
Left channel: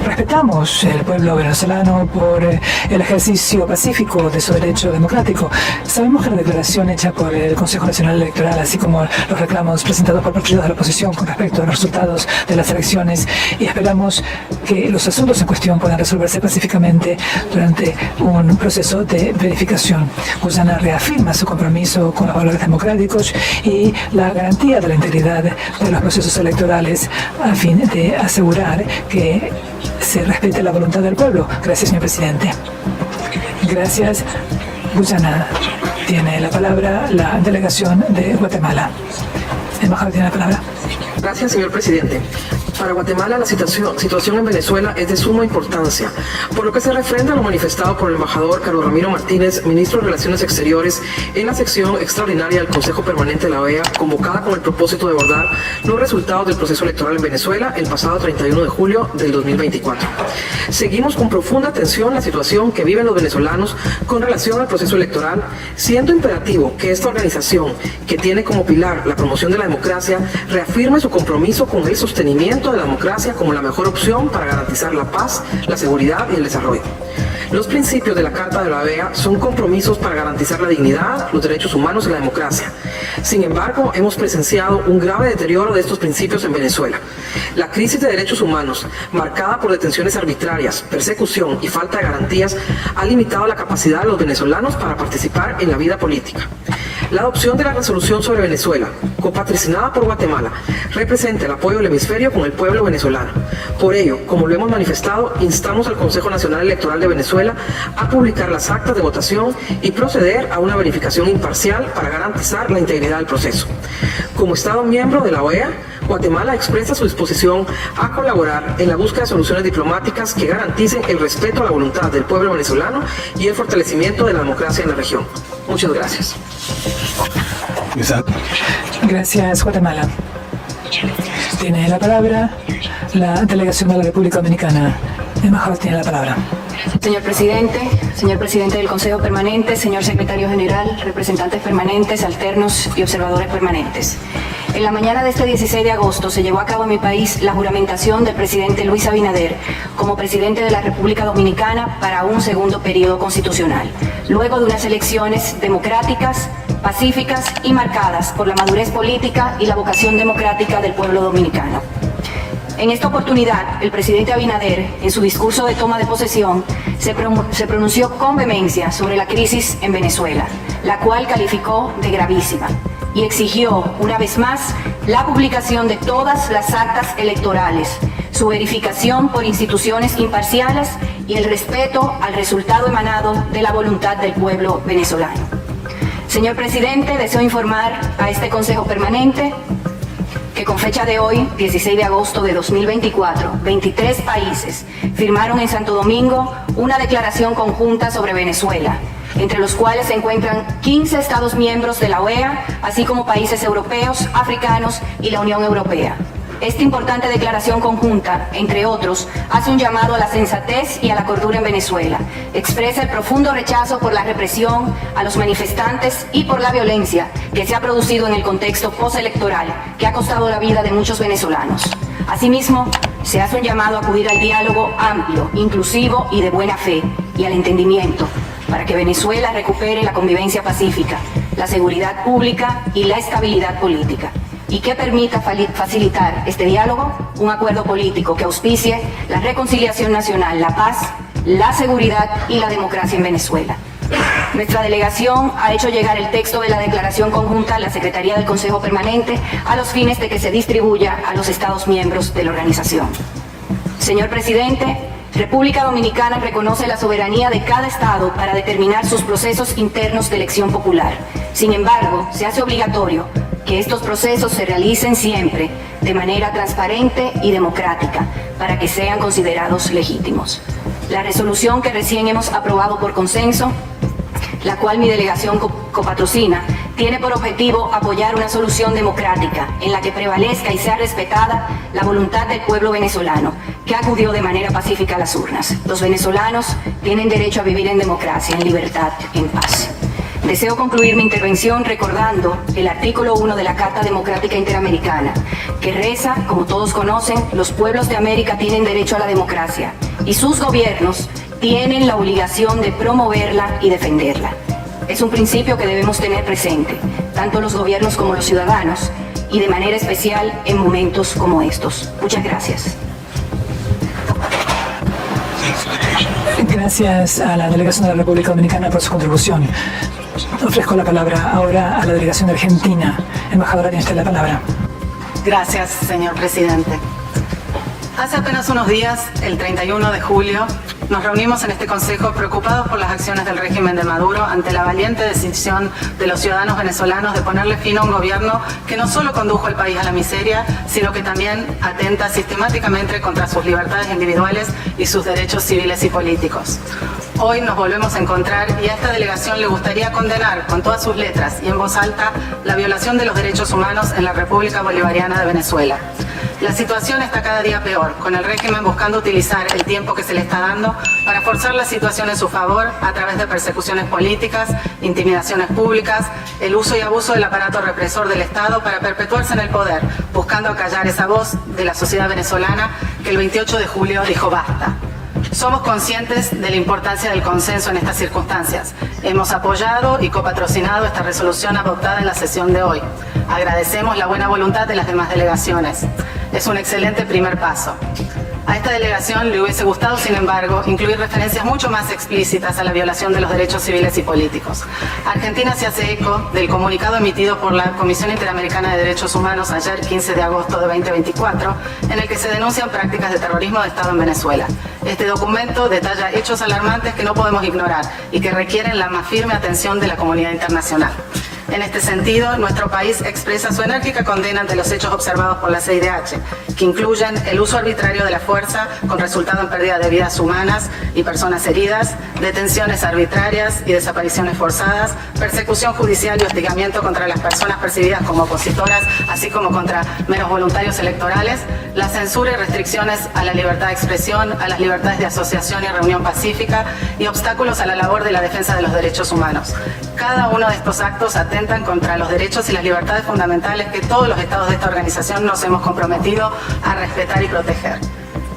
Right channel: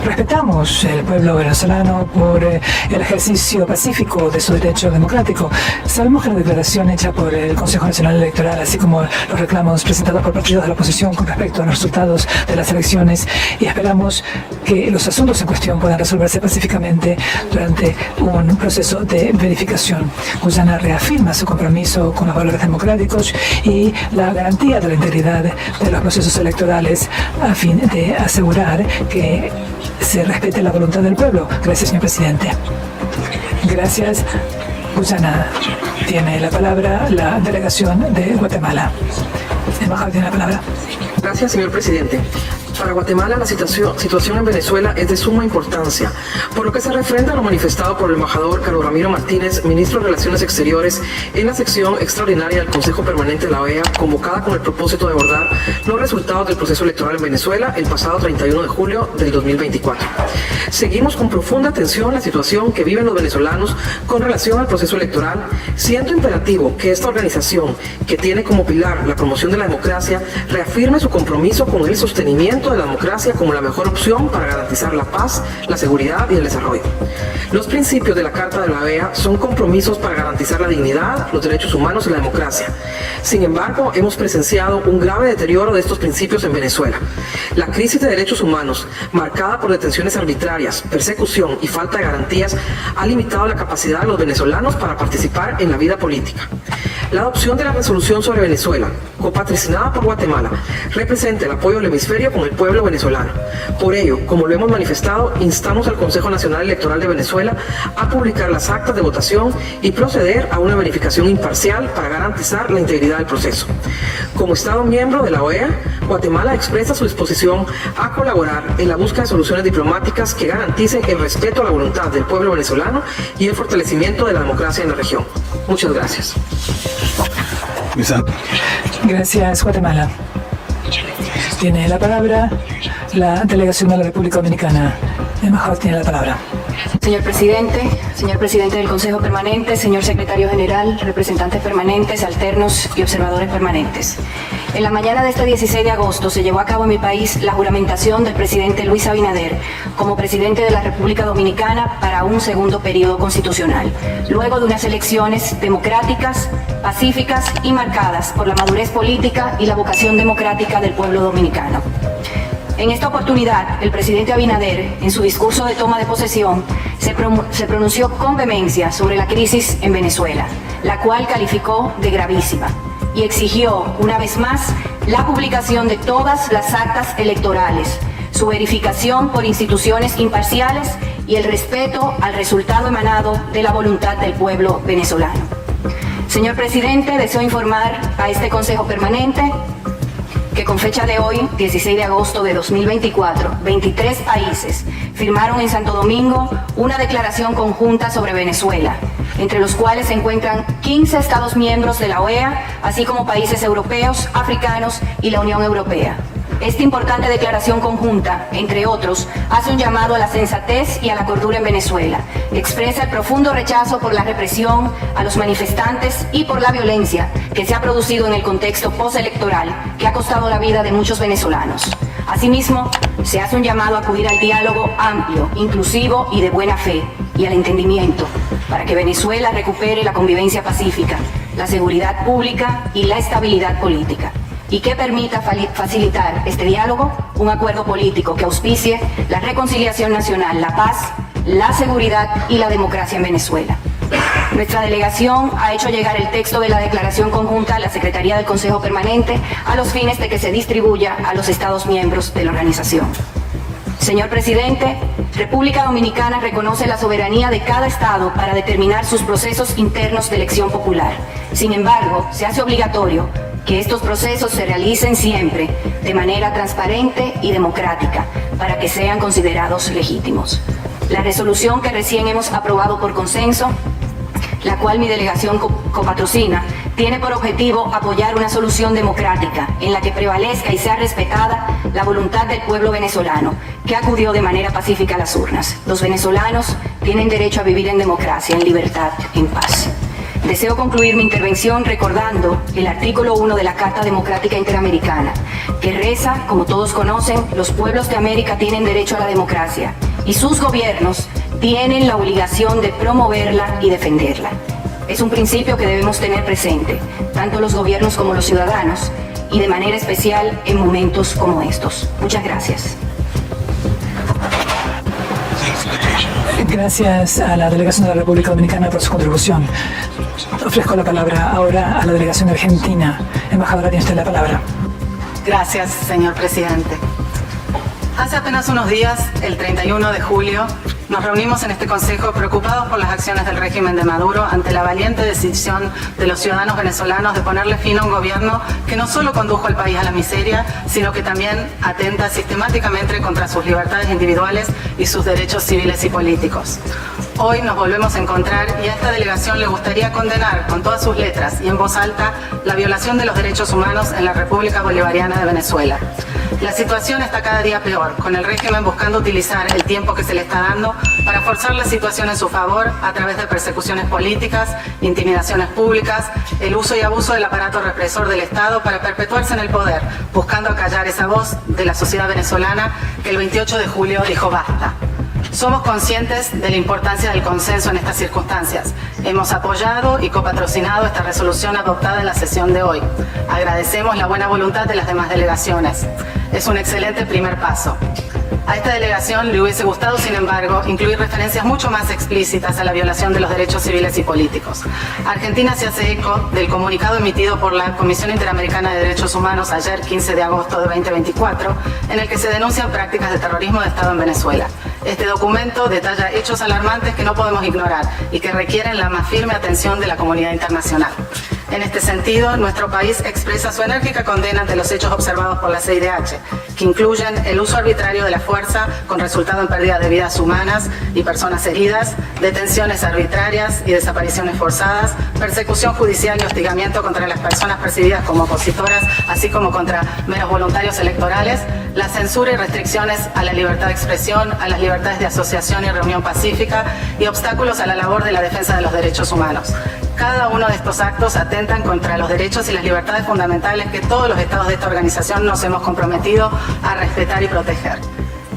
respetamos el pueblo venezolano por el ejercicio pacífico de su derecho democrático. Sabemos que la declaración hecha por el Consejo Nacional Electoral, así como los reclamos presentados por partidos de la oposición con respecto a los resultados de las elecciones, y esperamos que los asuntos en cuestión puedan resolverse pacíficamente durante un proceso de verificación. Guyana reafirma su compromiso con los valores democráticos y la garantía de la integridad de los procesos electorales a fin de asegurar que se respete la voluntad del pueblo. Gracias, señor presidente. Gracias. Guyana tiene la palabra la delegación de Guatemala. Embajador tiene la palabra. Gracias, señor presidente. Para Guatemala, la situación en Venezuela es de suma importancia, por lo que se refrenda lo manifestado por el embajador Carlos Ramiro Martínez, ministro de Relaciones Exteriores, en la sección extraordinaria del Consejo Permanente de la OEA, convocada con el propósito de abordar los resultados del proceso electoral en Venezuela el pasado 31 de julio del 2024. Seguimos con profunda atención la situación que viven los venezolanos con relación al proceso electoral, siendo imperativo que esta organización, que tiene como pilar la promoción de la democracia, reafirme su compromiso con el sostenimiento de la democracia como la mejor opción para garantizar la paz, la seguridad y el desarrollo. Los principios de la Carta de la OEA son compromisos para garantizar la dignidad, los derechos humanos y la democracia. Sin embargo, hemos presenciado un grave deterioro de estos principios en Venezuela. La crisis de derechos humanos, marcada por detenciones arbitrarias, persecución y falta de garantías, ha limitado la capacidad de los venezolanos para participar en la vida política. La adopción de la resolución sobre Venezuela, copatrocinada por Guatemala, representa el apoyo del hemisferio con el pueblo venezolano. Por ello, como lo hemos manifestado, instamos al Consejo Nacional Electoral de Venezuela a publicar las actas de votación y proceder a una verificación imparcial para garantizar la integridad del proceso. Como Estado miembro de la OEA, Guatemala expresa su disposición a colaborar en la búsqueda de soluciones diplomáticas que garanticen el respeto a la voluntad del pueblo venezolano y el fortalecimiento de la democracia en la región. Muchas gracias. Gracias, Guatemala. Tiene la palabra la delegación de la República Dominicana. El embajador tiene la palabra. Señor presidente del Consejo Permanente, señor secretario general, representantes permanentes, alternos y observadores permanentes. En la mañana de este 16 de agosto se llevó a cabo en mi país la juramentación del presidente Luis Abinader como presidente de la República Dominicana para un segundo periodo constitucional, luego de unas elecciones democráticas, pacíficas y marcadas por la madurez política y la vocación democrática del pueblo dominicano. En esta oportunidad, el presidente Abinader, en su discurso de toma de posesión, se pronunció con vehemencia sobre la crisis en Venezuela, la cual calificó de gravísima, y exigió, una vez más, la publicación de todas las actas electorales, su verificación por instituciones imparciales y el respeto al resultado emanado de la voluntad del pueblo venezolano. Señor presidente, deseo informar a este Consejo Permanente que con fecha de hoy, 16 de agosto de 2024, 23 países firmaron en Santo Domingo una declaración conjunta sobre Venezuela, entre los cuales se encuentran 15 Estados miembros de la OEA, así como países europeos, africanos y la Unión Europea. Esta importante declaración conjunta, entre otros, hace un llamado a la sensatez y a la cordura en Venezuela. Expresa el profundo rechazo por la represión a los manifestantes y por la violencia que se ha producido en el contexto postelectoral que ha costado la vida de muchos venezolanos. Asimismo, se hace un llamado a acudir al diálogo amplio, inclusivo y de buena fe y al entendimiento para que Venezuela recupere la convivencia pacífica, la seguridad pública y la estabilidad política, y que permita facilitar este diálogo, un acuerdo político que auspicie la reconciliación nacional, la paz, la seguridad y la democracia en Venezuela. Nuestra delegación ha hecho llegar el texto de la declaración conjunta a la Secretaría del Consejo Permanente a los fines de que se distribuya a los Estados miembros de la organización. Señor Presidente, República Dominicana reconoce la soberanía de cada Estado para determinar sus procesos internos de elección popular. Sin embargo, se hace obligatorio que estos procesos se realicen siempre de manera transparente y democrática para que sean considerados legítimos. La resolución que recién hemos aprobado por consenso, la cual mi delegación copatrocina, tiene por objetivo apoyar una solución democrática en la que prevalezca y sea respetada la voluntad del pueblo venezolano, que acudió de manera pacífica a las urnas. Los venezolanos tienen derecho a vivir en democracia, en libertad, en paz. Deseo concluir mi intervención recordando el artículo 1 de la Carta Democrática Interamericana, que reza, como todos conocen, los pueblos de América tienen derecho a la democracia y sus gobiernos tienen la obligación de promoverla y defenderla. Es un principio que debemos tener presente, tanto los gobiernos como los ciudadanos, y de manera especial en momentos como estos. Muchas gracias. Gracias a la delegación de la República Dominicana por su contribución. Ofrezco la palabra ahora a la delegación argentina. Embajadora, tiene usted la palabra. Gracias, señor presidente. Hace apenas unos días, el 31 de julio, nos reunimos en este Consejo preocupados por las acciones del régimen de Maduro ante la valiente decisión de los ciudadanos venezolanos de ponerle fin a un gobierno que no solo condujo al país a la miseria, sino que también atenta sistemáticamente contra sus libertades individuales y sus derechos civiles y políticos. Hoy nos volvemos a encontrar y a esta delegación le gustaría condenar con todas sus letras y en voz alta la violación de los derechos humanos en la República Bolivariana de Venezuela. La situación está cada día peor, con el régimen buscando utilizar el tiempo que se le está dando para forzar la situación en su favor a través de persecuciones políticas, intimidaciones públicas, el uso y abuso del aparato represor del Estado para perpetuarse en el poder, buscando acallar esa voz de la sociedad venezolana que el 28 de julio dijo basta. Somos conscientes de la importancia del consenso en estas circunstancias. Hemos apoyado y copatrocinado esta resolución adoptada en la sesión de hoy. Agradecemos la buena voluntad de las demás delegaciones. Es un excelente primer paso. A esta delegación le hubiese gustado, sin embargo, incluir referencias mucho más explícitas a la violación de los derechos civiles y políticos. Argentina se hace eco del comunicado emitido por la Comisión Interamericana de Derechos Humanos ayer, 15 de agosto de 2024, en el que se denuncian prácticas de terrorismo de Estado en Venezuela. Este documento detalla hechos alarmantes que no podemos ignorar y que requieren la más firme atención de la comunidad internacional. En este sentido, nuestro país expresa su enérgica condena ante los hechos observados por la CIDH, que incluyen el uso arbitrario de la fuerza con resultado en pérdida de vidas humanas y personas heridas, detenciones arbitrarias y desapariciones forzadas, persecución judicial y hostigamiento contra las personas percibidas como opositoras, así como contra meros voluntarios electorales, la censura y restricciones a la libertad de expresión, a las libertades de asociación y reunión pacífica y obstáculos a la labor de la defensa de los derechos humanos. Cada uno de estos actos atentan contra los derechos y las libertades fundamentales que todos los estados de esta organización nos hemos comprometido a respetar y proteger.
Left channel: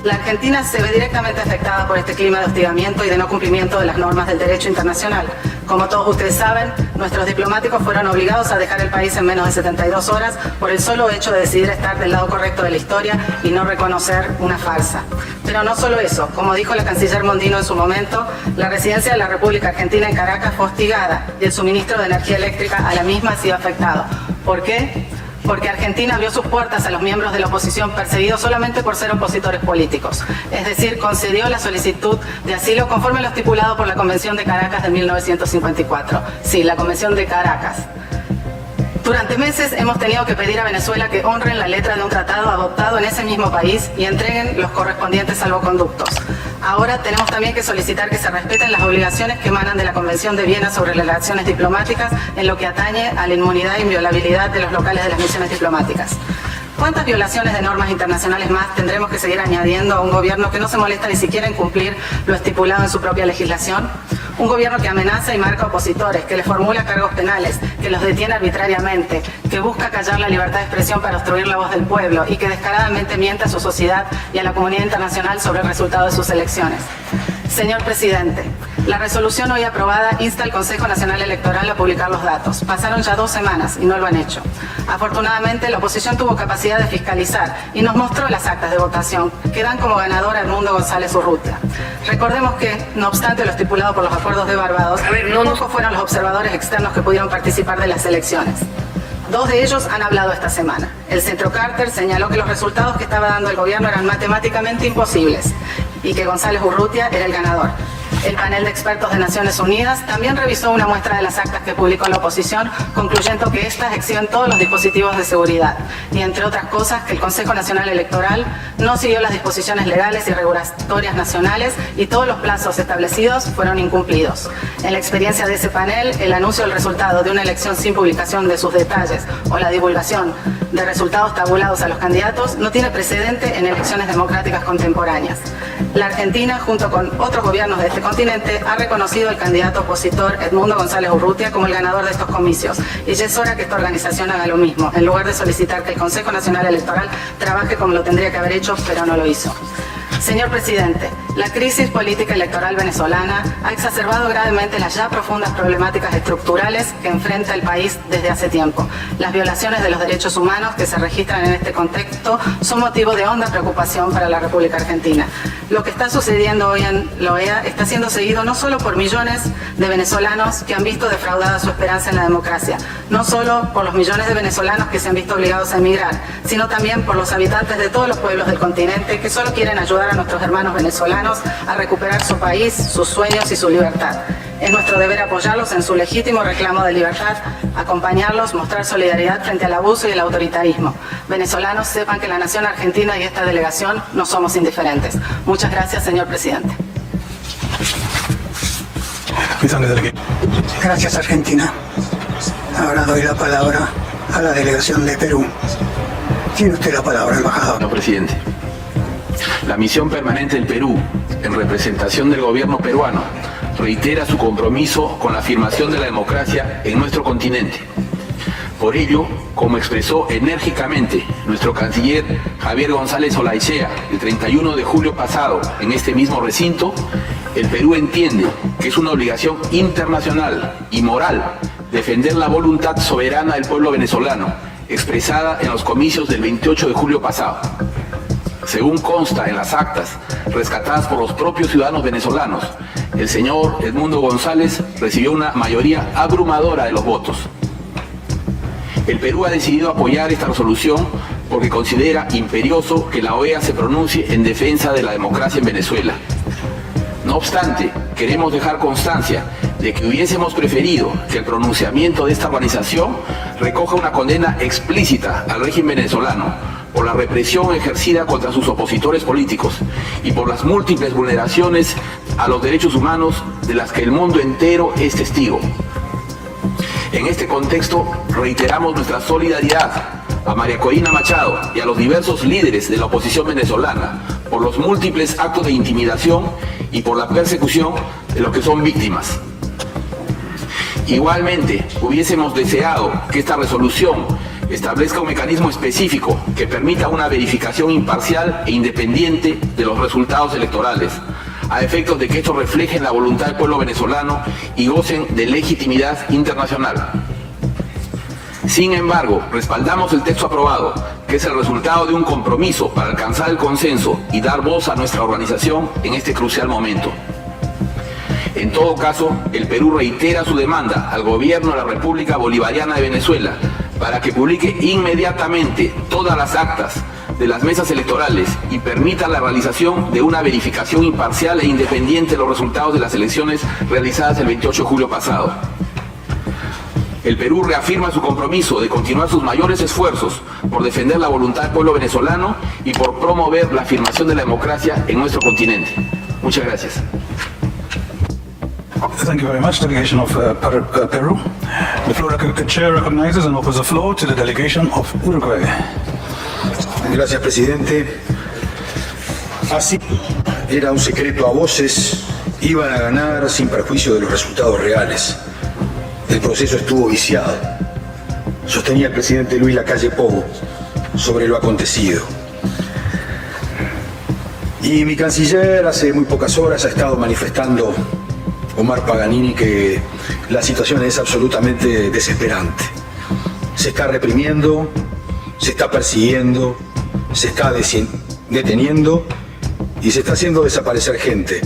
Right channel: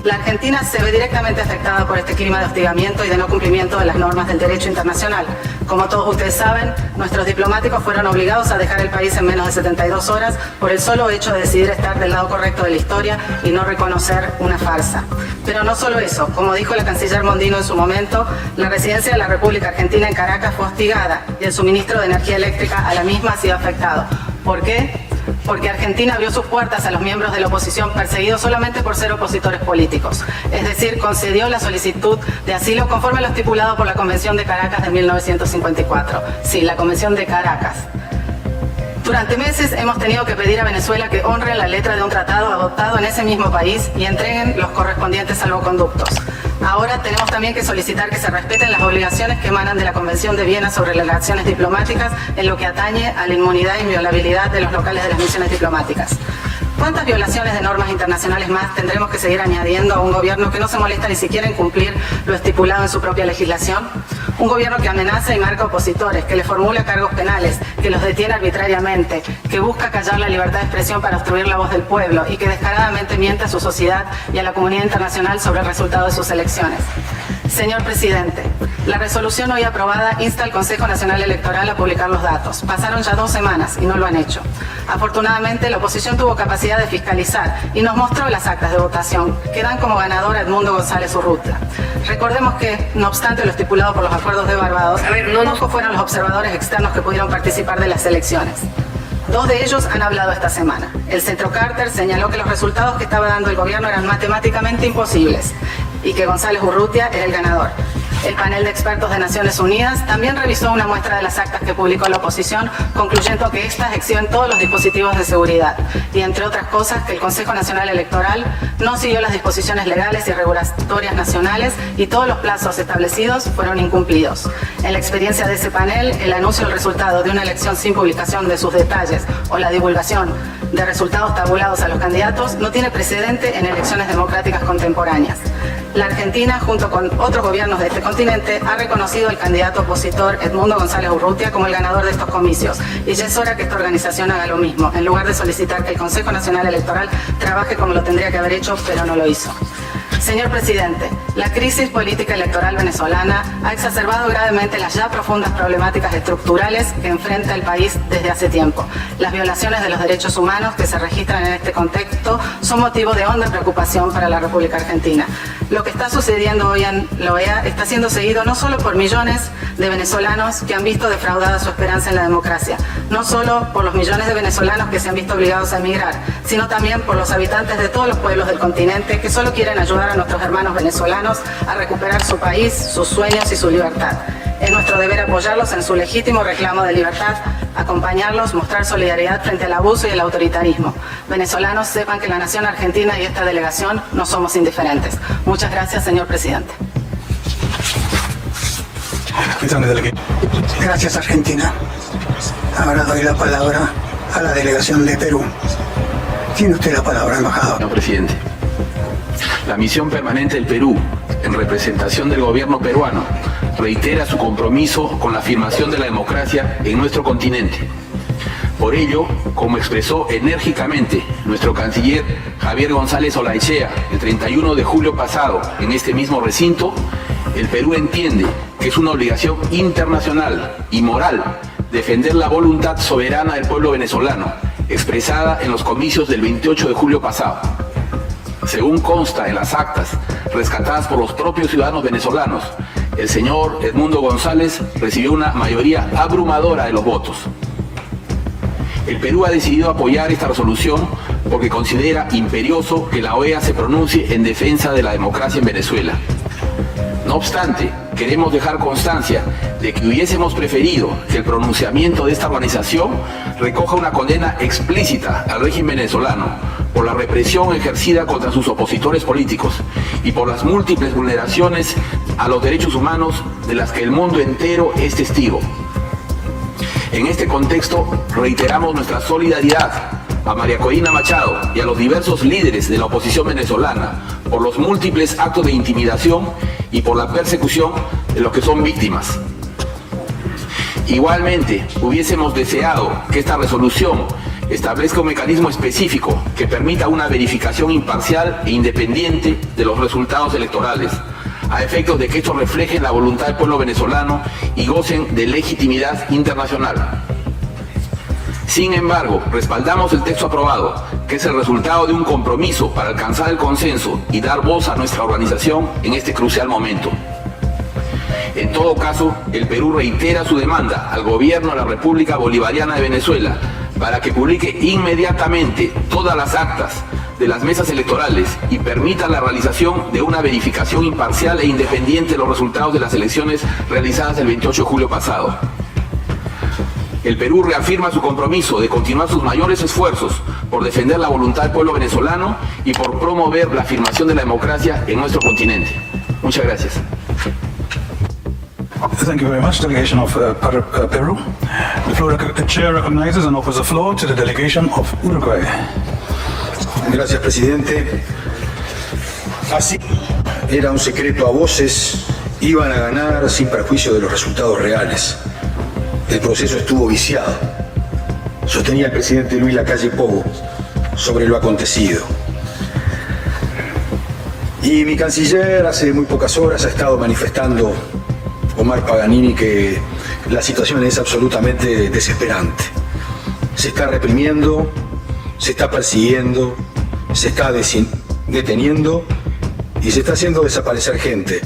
La Argentina se ve directamente afectada por este clima de hostigamiento y de no cumplimiento de las normas del derecho internacional. Como todos ustedes saben, nuestros diplomáticos fueron obligados a dejar el país en menos de 72 horas por el solo hecho de decidir estar del lado correcto de la historia y no reconocer una farsa. Pero no solo eso, como dijo la canciller Mondino en su momento, la residencia de la República Argentina en Caracas fue hostigada y el suministro de energía eléctrica a la misma ha sido afectado. ¿Por qué? Porque Argentina abrió sus puertas a los miembros de la oposición perseguidos solamente por ser opositores políticos. Es decir, concedió la solicitud de asilo conforme a lo estipulado por la Convención de Caracas de 1954. Sí, la Convención de Caracas. Durante meses hemos tenido que pedir a Venezuela que honren la letra de un tratado adoptado en ese mismo país y entreguen los correspondientes salvoconductos. Ahora tenemos también que solicitar que se respeten las obligaciones que emanan de la Convención de Viena sobre las relaciones diplomáticas en lo que atañe a la inmunidad e inviolabilidad de los locales de las misiones diplomáticas. ¿Cuántas violaciones de normas internacionales más tendremos que seguir añadiendo a un gobierno que no se molesta ni siquiera en cumplir lo estipulado en su propia legislación? Un gobierno que amenaza y marca opositores, que le formula cargos penales, que los detiene arbitrariamente, que busca callar la libertad de expresión para obstruir la voz del pueblo y que descaradamente miente a su sociedad y a la comunidad internacional sobre el resultado de sus elecciones. Señor presidente, la resolución hoy aprobada insta al Consejo Nacional Electoral a publicar los datos. Pasaron ya 2 semanas y no lo han hecho. Afortunadamente, la oposición tuvo capacidad de fiscalizar y nos mostró las actas de votación, que dan como ganador a Edmundo González Urrutia. Recordemos que, no obstante lo estipulado por los acuerdos de Barbados, no pocos fueron los observadores externos que pudieron participar de las elecciones. 2 de ellos han hablado esta semana. El Centro Carter señaló que los resultados que estaba dando el gobierno eran matemáticamente imposibles y que González Urrutia era el ganador. El panel de expertos de Naciones Unidas también revisó una muestra de las actas que publicó la oposición, concluyendo que estas exhiben todos los dispositivos de seguridad y, entre otras cosas, que el Consejo Nacional Electoral no siguió las disposiciones legales y regulatorias nacionales y todos los plazos establecidos fueron incumplidos. En la experiencia de ese panel, el anuncio del resultado de una elección sin publicación de sus detalles o la divulgación de resultados tabulados a los candidatos no tiene precedente en elecciones democráticas contemporáneas. La Argentina, junto con otros gobiernos de este continente, ha reconocido al candidato opositor Edmundo González Urrutia como el ganador de estos comicios. Y ya es hora que esta organización haga lo mismo, en lugar de solicitar que el Consejo Nacional Electoral trabaje como lo tendría que haber hecho, pero no lo hizo. Señor presidente, la crisis política electoral venezolana ha exacerbado gravemente las ya profundas problemáticas estructurales que enfrenta el país desde hace tiempo. Las violaciones de los derechos humanos que se registran en este contexto son motivo de honda preocupación para la República Argentina. Lo que está sucediendo hoy en la OEA está siendo seguido no solo por millones de venezolanos que han visto defraudada su esperanza en la democracia, no solo por los millones de venezolanos que se han visto obligados a emigrar, sino también por los habitantes de todos los pueblos del continente que solo quieren ayudar a nuestros hermanos venezolanos a recuperar su país, sus sueños y su libertad. Es nuestro deber apoyarlos en su legítimo reclamo de libertad, acompañarlos, mostrar solidaridad frente al abuso y el autoritarismo. Venezolanos, sepan que la nación argentina y esta delegación no somos indiferentes. Muchas gracias, señor presidente. Gracias, Argentina. Ahora doy la palabra a la delegación de Perú. Tiene usted la palabra, embajador. Señor presidente, la misión permanente del Perú, en representación del gobierno peruano, reitera su compromiso con la afirmación de la democracia en nuestro continente. Por ello, como expresó enérgicamente nuestro canciller Javier González Olaechea el 31 de julio pasado en este mismo recinto, el Perú entiende que es una obligación internacional y moral defender la voluntad soberana del pueblo venezolano, expresada en los comicios del 28 de julio pasado. Según consta en las actas rescatadas por los propios ciudadanos venezolanos, el señor Edmundo González recibió una mayoría abrumadora de los votos. El Perú ha decidido apoyar esta resolución porque considera imperioso que la OEA se pronuncie en defensa de la democracia en Venezuela. No obstante, queremos dejar constancia de que hubiésemos preferido que el pronunciamiento de esta organización recoja una condena explícita al régimen venezolano por la represión ejercida contra sus opositores políticos y por las múltiples vulneraciones a los derechos humanos de las que el mundo entero es testigo. En este contexto, reiteramos nuestra solidaridad a María Corina Machado y a los diversos líderes de la oposición venezolana por los múltiples actos de intimidación y por la persecución de los que son víctimas. Igualmente, hubiésemos deseado que esta resolución establezca un mecanismo específico que permita una verificación imparcial e independiente de los resultados electorales, a efectos de que estos reflejen la voluntad del pueblo venezolano y gocen de legitimidad internacional. Sin embargo, respaldamos el texto aprobado, que es el resultado de un compromiso para alcanzar el consenso y dar voz a nuestra organización en este crucial momento. En todo caso, el Perú reitera su demanda al gobierno de la República Bolivariana de Venezuela para que publique inmediatamente todas las actas de las mesas electorales y permita la realización de una verificación imparcial e independiente de los resultados de las elecciones realizadas el 28 de julio pasado. el Perú reafirma su compromiso de continuar sus mayores esfuerzos por defender la voluntad del pueblo venezolano y por promover la afirmación de la democracia en nuestro continente. Muchas gracias. Thank you very much, delegation of Peru. The chair recognizes and offers the floor to the delegation of Uruguay. Gracias, presidente. Así era un secreto a voces, iban a ganar sin perjuicio de los resultados reales. El proceso estuvo viciado, sostenía el presidente Luis Lacalle Pou sobre lo acontecido. Y mi canciller hace muy pocas horas ha estado manifestando, Omar Paganini, que la situación es absolutamente desesperante. Se está reprimiendo, se está persiguiendo, se está deteniendo y se está haciendo desaparecer gente,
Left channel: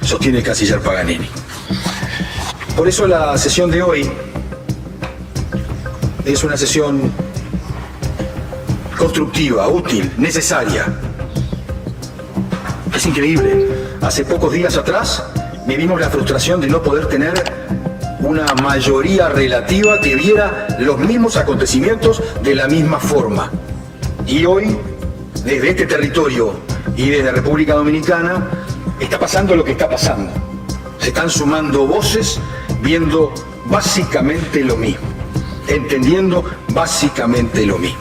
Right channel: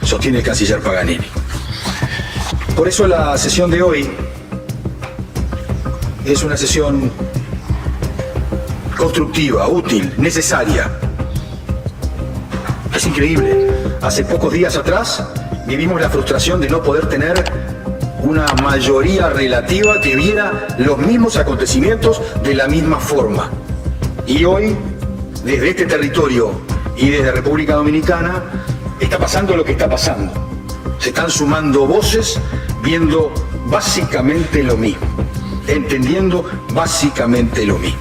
sostiene el canciller Paganini. Por eso la sesión de hoy es una sesión constructiva, útil, necesaria. Es increíble. Hace pocos días atrás vivimos la frustración de no poder tener una mayoría relativa que viera los mismos acontecimientos de la misma forma. Y hoy, desde este territorio y desde República Dominicana, está pasando lo que está pasando. Se están sumando voces viendo básicamente lo mismo, entendiendo básicamente lo mismo.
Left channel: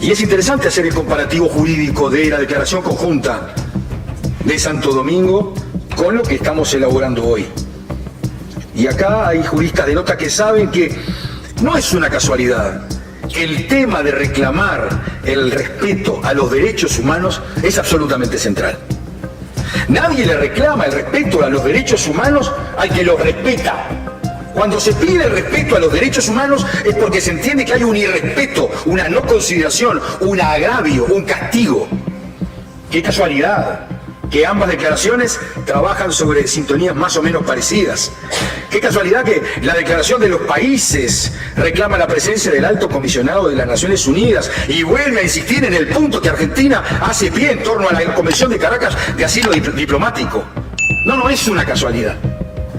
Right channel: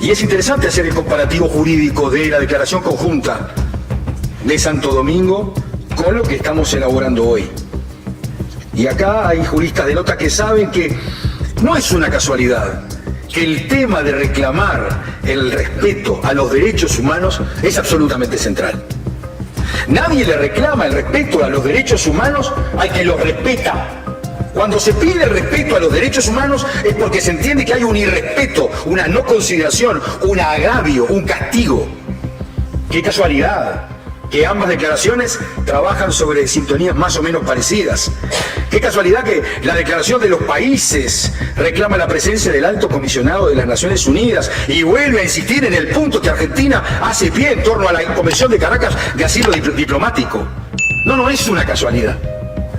Y es interesante hacer el comparativo jurídico de la declaración conjunta de Santo Domingo con lo que estamos elaborando hoy. Y acá hay juristas de nota que saben que no es una casualidad que el tema de reclamar el respeto a los derechos humanos es absolutamente central. Nadie le reclama el respeto a los derechos humanos al que los respeta. Cuando se pide el respeto a los derechos humanos es porque se entiende que hay un irrespeto, una no consideración, un agravio, un castigo. ¡Qué casualidad! Que ambas declaraciones trabajan sobre sintonías más o menos parecidas. Qué casualidad que la declaración de los países reclama la presencia del Alto Comisionado de las Naciones Unidas y vuelve a insistir en el punto que Argentina hace pie en torno a la Convención de Caracas de asilo diplomático. No es una casualidad.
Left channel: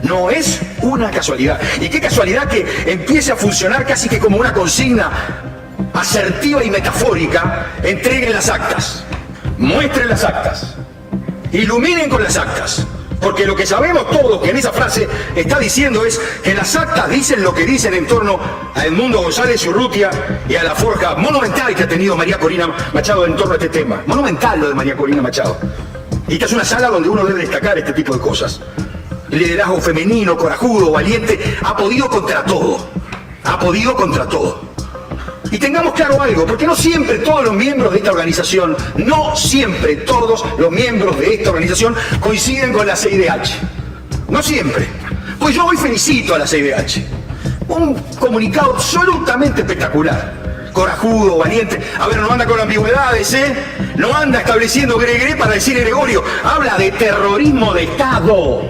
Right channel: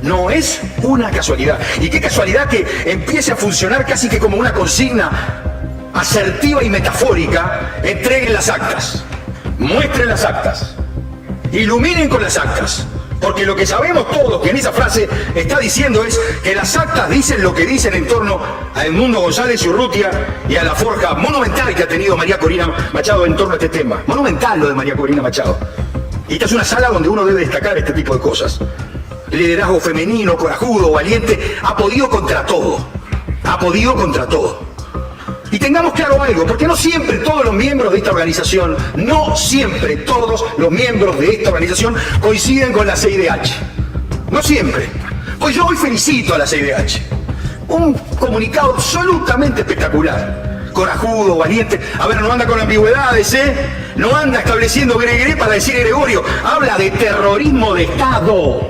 No es una casualidad. Y qué casualidad que empiece a funcionar casi que como una consigna asertiva y metafórica. Entreguen las actas, muestren las actas, iluminen con las actas, porque lo que sabemos todos que en esa frase está diciendo es que las actas dicen lo que dicen en torno a Edmundo González y Urrutia y a la forja monumental que ha tenido María Corina Machado en torno a este tema. Monumental lo de María Corina Machado. Y esta es una sala donde uno debe destacar este tipo de cosas. Liderazgo femenino, corajudo, valiente, ha podido contra todo. Ha podido contra todo. Y tengamos claro algo, porque no siempre todos los miembros de esta organización, coinciden con la CIDH. No siempre. Pues yo hoy felicito a la CIDH. Un comunicado absolutamente espectacular. Corajudo, valiente. A ver, no anda con ambigüedades, ¿eh? No anda estableciendo gregre para decir Gregorio. Habla de terrorismo de Estado.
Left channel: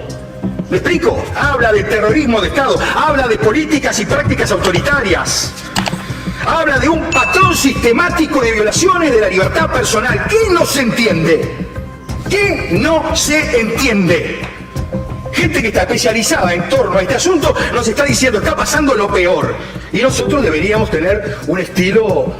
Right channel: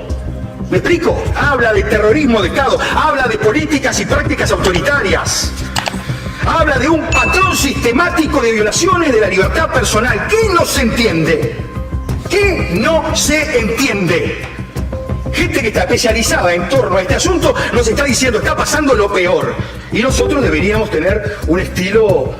¿Me explico? Habla de terrorismo de Estado. Habla de políticas y prácticas autoritarias. Habla de un patrón sistemático de violaciones de la libertad personal. ¿Qué no se entiende? ¿Qué no se entiende? Gente que está especializada en torno a este asunto nos está diciendo está pasando lo peor. Y nosotros deberíamos tener un estilo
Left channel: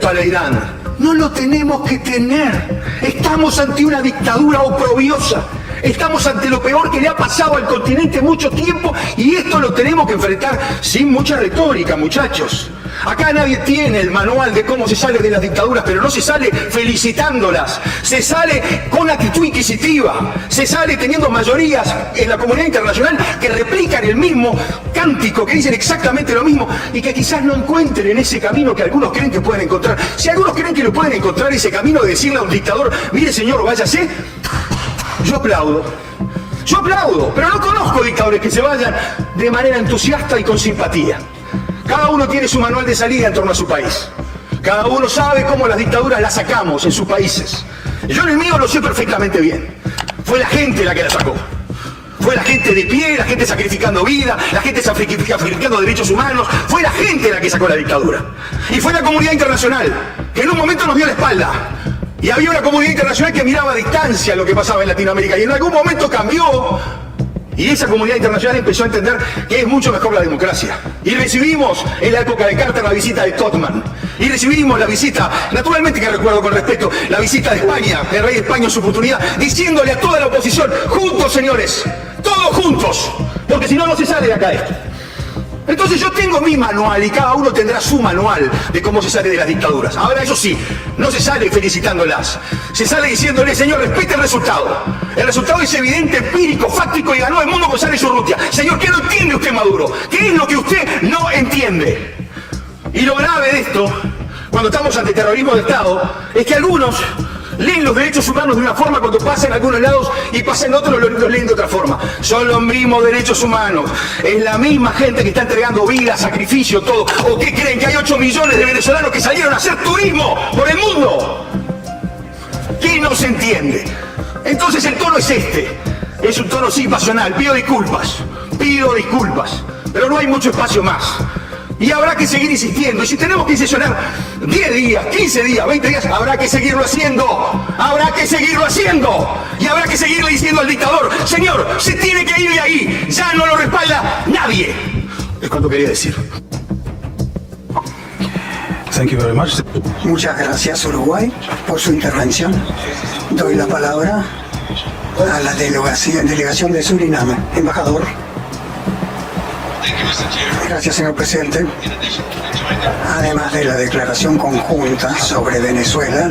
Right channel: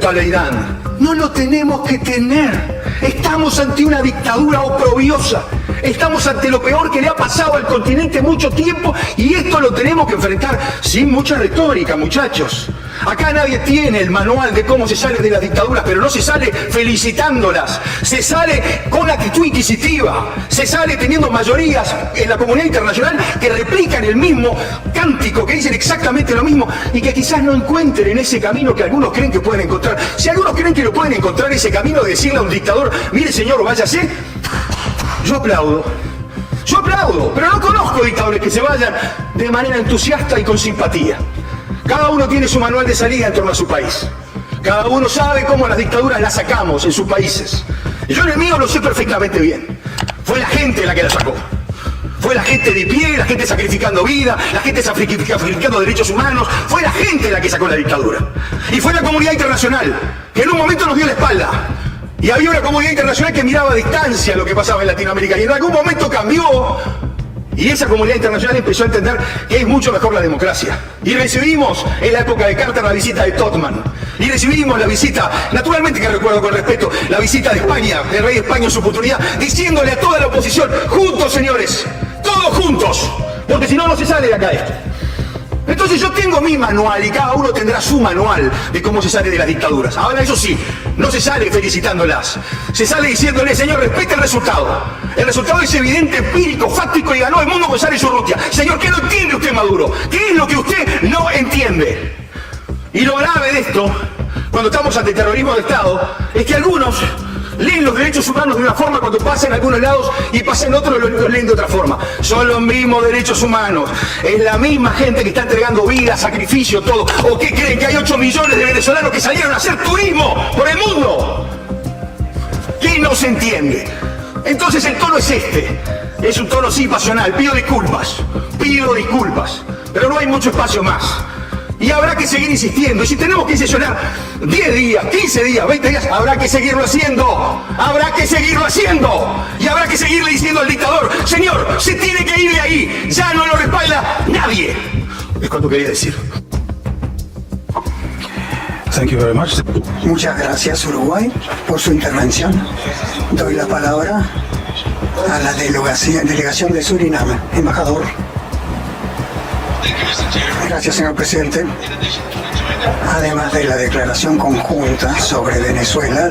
Talleyrand. No lo tenemos que tener. Estamos ante una dictadura oprobiosa. Estamos ante lo peor que le ha pasado al continente mucho tiempo y esto lo tenemos que enfrentar sin mucha retórica, muchachos. Acá nadie tiene el manual de cómo se sale de las dictaduras, pero no se sale felicitándolas. Se sale con actitud inquisitiva. Se sale teniendo mayorías en la comunidad internacional que replican el mismo cántico, que dicen exactamente lo mismo y que quizás no encuentren en ese camino que algunos creen que pueden encontrar. Si algunos creen que lo pueden encontrar ese camino de decirle a un dictador, mire señor, váyase, yo aplaudo, pero no conozco dictadores que se vayan de manera entusiasta y con simpatía. Cada uno tiene su manual de salida en torno a su país. Cada uno sabe cómo las dictaduras las sacamos en sus países. Yo en el mío lo sé perfectamente bien. Fue la gente la que la sacó. Fue la gente de pie, la gente sacrificando vida, la gente sacrificando derechos humanos. Fue la gente la que sacó la dictadura. Y fue la comunidad internacional que en un momento nos dio la espalda. Y había una comunidad internacional que miraba a distancia lo que pasaba en Latinoamérica. Y en algún momento cambió Y esa comunidad internacional empezó a entender que es mucho mejor la democracia. Y recibimos en la época de Carter la visita de Totman. Y recibimos la visita, naturalmente que recuerdo con respeto, la visita de España, el rey de España en su oportunidad, diciéndole a toda la oposición, juntos señores, todos juntos, porque si no, no se sale de acá esto. Entonces yo tengo mi manual y cada uno tendrá su manual de cómo se sale de las dictaduras. Ahora eso sí, no se sale felicitándolas. Se sale diciéndole, señor, respete el resultado. El resultado es evidente, empírico, fáctico y ganó el mundo González Urrutia. Señor, ¿qué no entiende usted, Maduro? ¿Qué es lo que usted no entiende? Y lo grave de esto, cuando estamos ante terrorismo de Estado, es que algunos leen los derechos humanos de una forma cuando pasan a algunos lados y pasan otros los leen de otra forma. Son los mismos derechos humanos. Es la misma gente que está entregando vida, sacrificio, todo. ¿O qué creen que hay 8 millones de venezolanos que salieron a hacer turismo por el mundo? ¿Qué no se entiende? Entonces el tono es este. Es un tono sí pasional. Pido disculpas, pero no hay mucho espacio más. Y habrá que seguir insistiendo. Y si tenemos que sesionar 10 días, 15 días, 20 días, habrá que seguirlo haciendo. Habrá que seguirlo haciendo. Y habrá que seguirle diciendo al dictador, señor, se tiene que ir de ahí. Ya no lo respalda nadie. Es cuanto quería decir. Thank you very much. Muchas gracias, Uruguay, por su intervención. Doy la palabra a la delegación de Surinam. Embajador. Gracias, señor presidente. Además de la declaración conjunta sobre Venezuela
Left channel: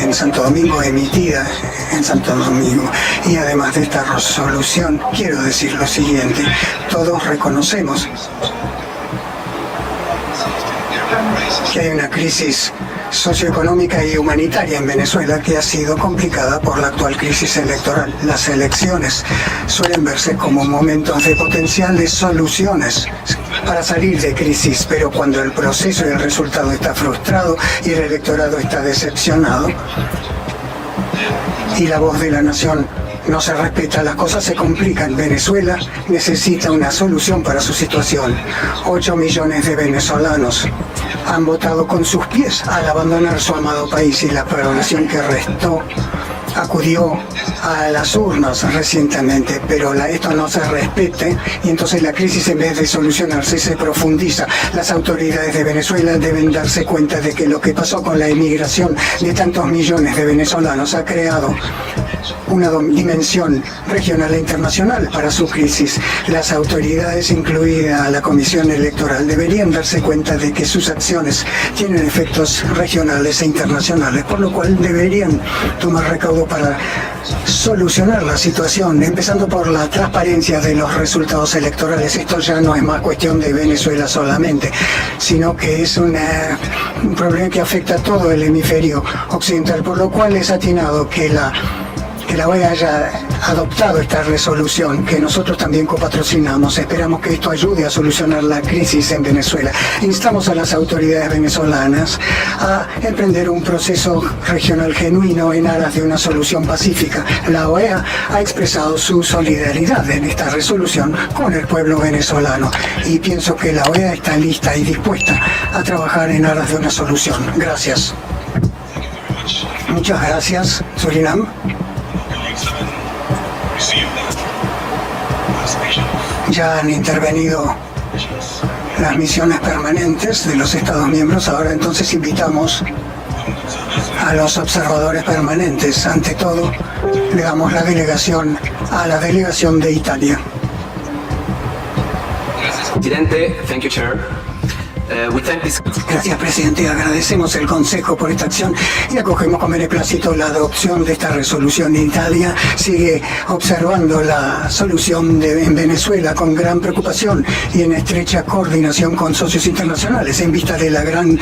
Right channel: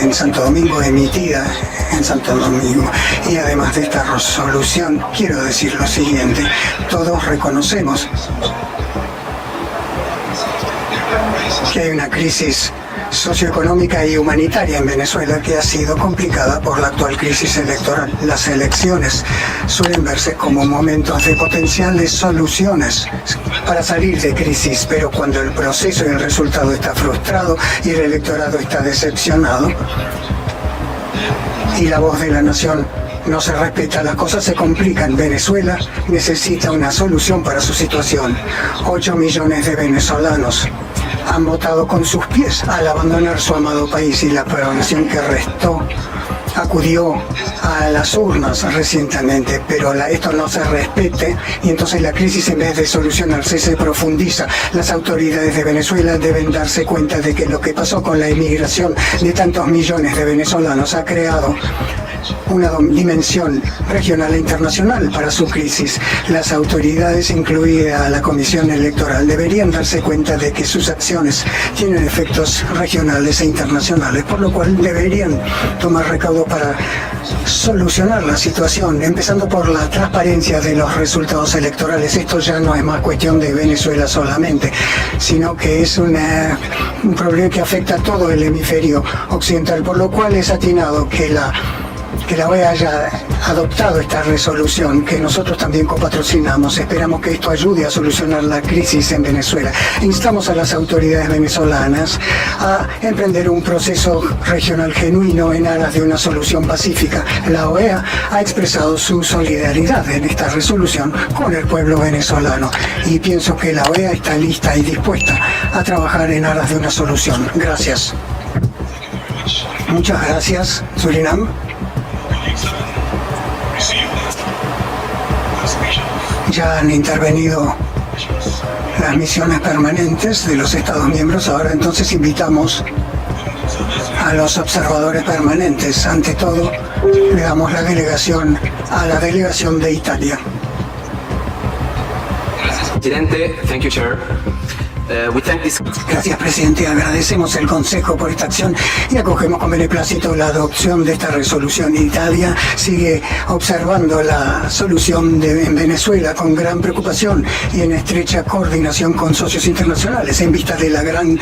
en Santo Domingo, emitida en Santo Domingo, y además de esta resolución, quiero decir lo siguiente. Todos reconocemos que hay una crisis socioeconómica y humanitaria en Venezuela que ha sido complicada por la actual crisis electoral. Las elecciones suelen verse como momentos de potenciales soluciones para salir de crisis, pero cuando el proceso y el resultado está frustrado y el electorado está decepcionado y la voz de la nación no se respeta, las cosas se complican. Venezuela necesita una solución para su situación. 8 millones de venezolanos han votado con sus pies al abandonar su amado país y la población que restó acudió a las urnas recientemente, pero esto no se respete y entonces la crisis, en vez de solucionarse, se profundiza. Las autoridades de Venezuela deben darse cuenta de que lo que pasó con la inmigración de tantos millones de venezolanos ha creado una dimensión regional e internacional para su crisis. Las autoridades, incluida la Comisión Electoral, deberían darse cuenta de que sus acciones tienen efectos regionales e internacionales, por lo cual deberían tomar recaudo para solucionar la situación, empezando por la transparencia de los resultados electorales. Esto ya no es más cuestión de Venezuela solamente, sino que es un problema que afecta a todo el hemisferio occidental, por lo cual es atinado que la OEA haya adoptado esta resolución que nosotros también copatrocinamos. Esperamos que esto ayude a solucionar la crisis en Venezuela. Instamos a las autoridades venezolanas a emprender un proceso regional genuino en aras de una solución pacífica. La OEA ha expresado su solidaridad en esta resolución con el pueblo venezolano y pienso que la OEA está lista y dispuesta a trabajar en aras de una solución. Gracias. Muchas gracias, Surinam. Ya han intervenido las misiones permanentes de los Estados miembros. Ahora entonces invitamos a los observadores permanentes. Ante todo, le damos la delegación a la delegación de Italia. Presidente, thank you, Chair. Gracias, presidente. Agradecemos el Consejo por esta acción y acogemos con beneplácito la adopción de esta resolución. Italia sigue observando la solución en Venezuela con gran preocupación y en estrecha coordinación con socios internacionales en vista de la gran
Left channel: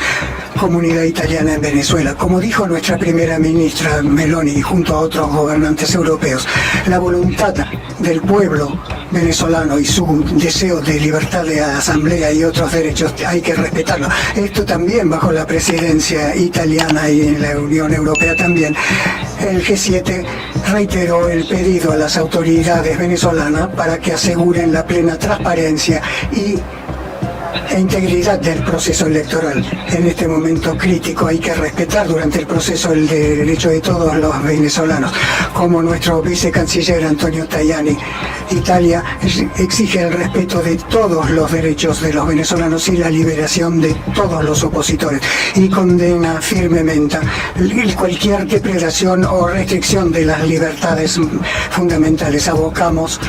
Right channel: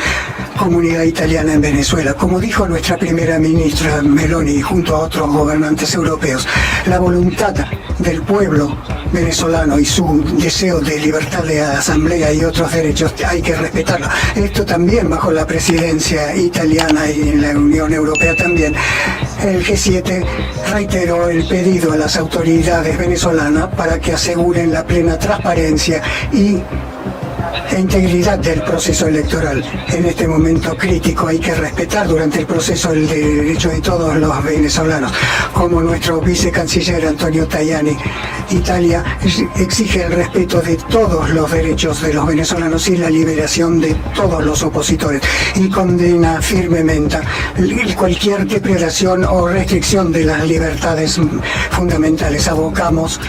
comunidad italiana en Venezuela. Como dijo nuestra primera ministra Meloni junto a otros gobernantes europeos, la voluntad del pueblo venezolano y su deseo de libertad de asamblea y otros derechos hay que respetarlo. Esto también bajo la presidencia italiana y en la Unión Europea también. El G7 reiteró el pedido a las autoridades venezolanas para que aseguren la plena transparencia y e integridad del proceso electoral. En este momento crítico hay que respetar durante el proceso el derecho de todos los venezolanos. Como nuestro vicecanciller Antonio Tajani, Italia exige el respeto de todos los derechos de los venezolanos y la liberación de todos los opositores, y condena firmemente cualquier depredación o restricción de las libertades fundamentales. Abogamos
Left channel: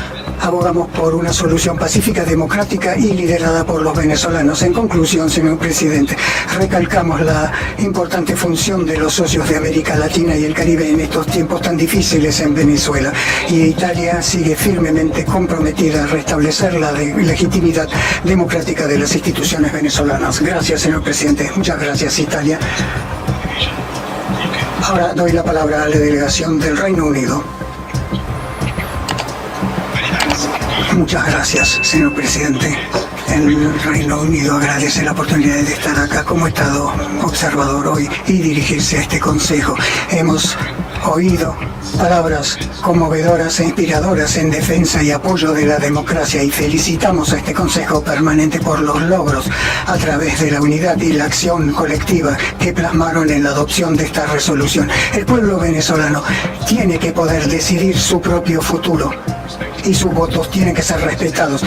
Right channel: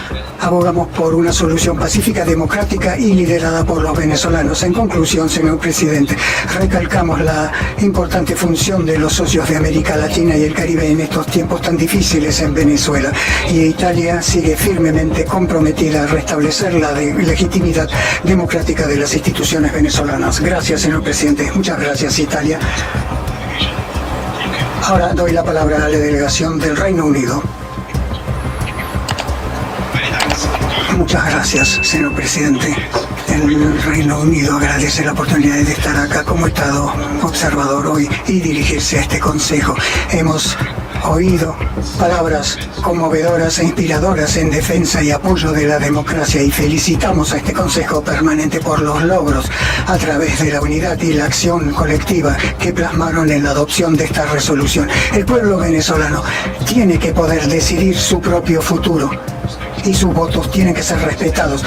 por una solución pacífica, democrática y liderada por los venezolanos. En conclusión, señor presidente, recalcamos la importante función de los socios de América Latina y el Caribe en estos tiempos tan difíciles en Venezuela, y Italia sigue firmemente comprometida a restablecer la legitimidad democrática de las instituciones venezolanas. Gracias, señor presidente. Muchas gracias, Italia. Ahora doy la palabra a la delegación del Reino Unido. Muchas gracias, señor presidente. El Reino Unido agradece la oportunidad de estar acá como Estado observador hoy y dirigirse a este Consejo. Hemos oído palabras conmovedoras e inspiradoras en defensa y apoyo de la democracia, y felicitamos a este Consejo Permanente por los logros a través de la unidad y la acción colectiva que plasmaron en la adopción de esta resolución. El pueblo venezolano tiene que poder decidir su propio futuro y sus votos tienen que ser respetados.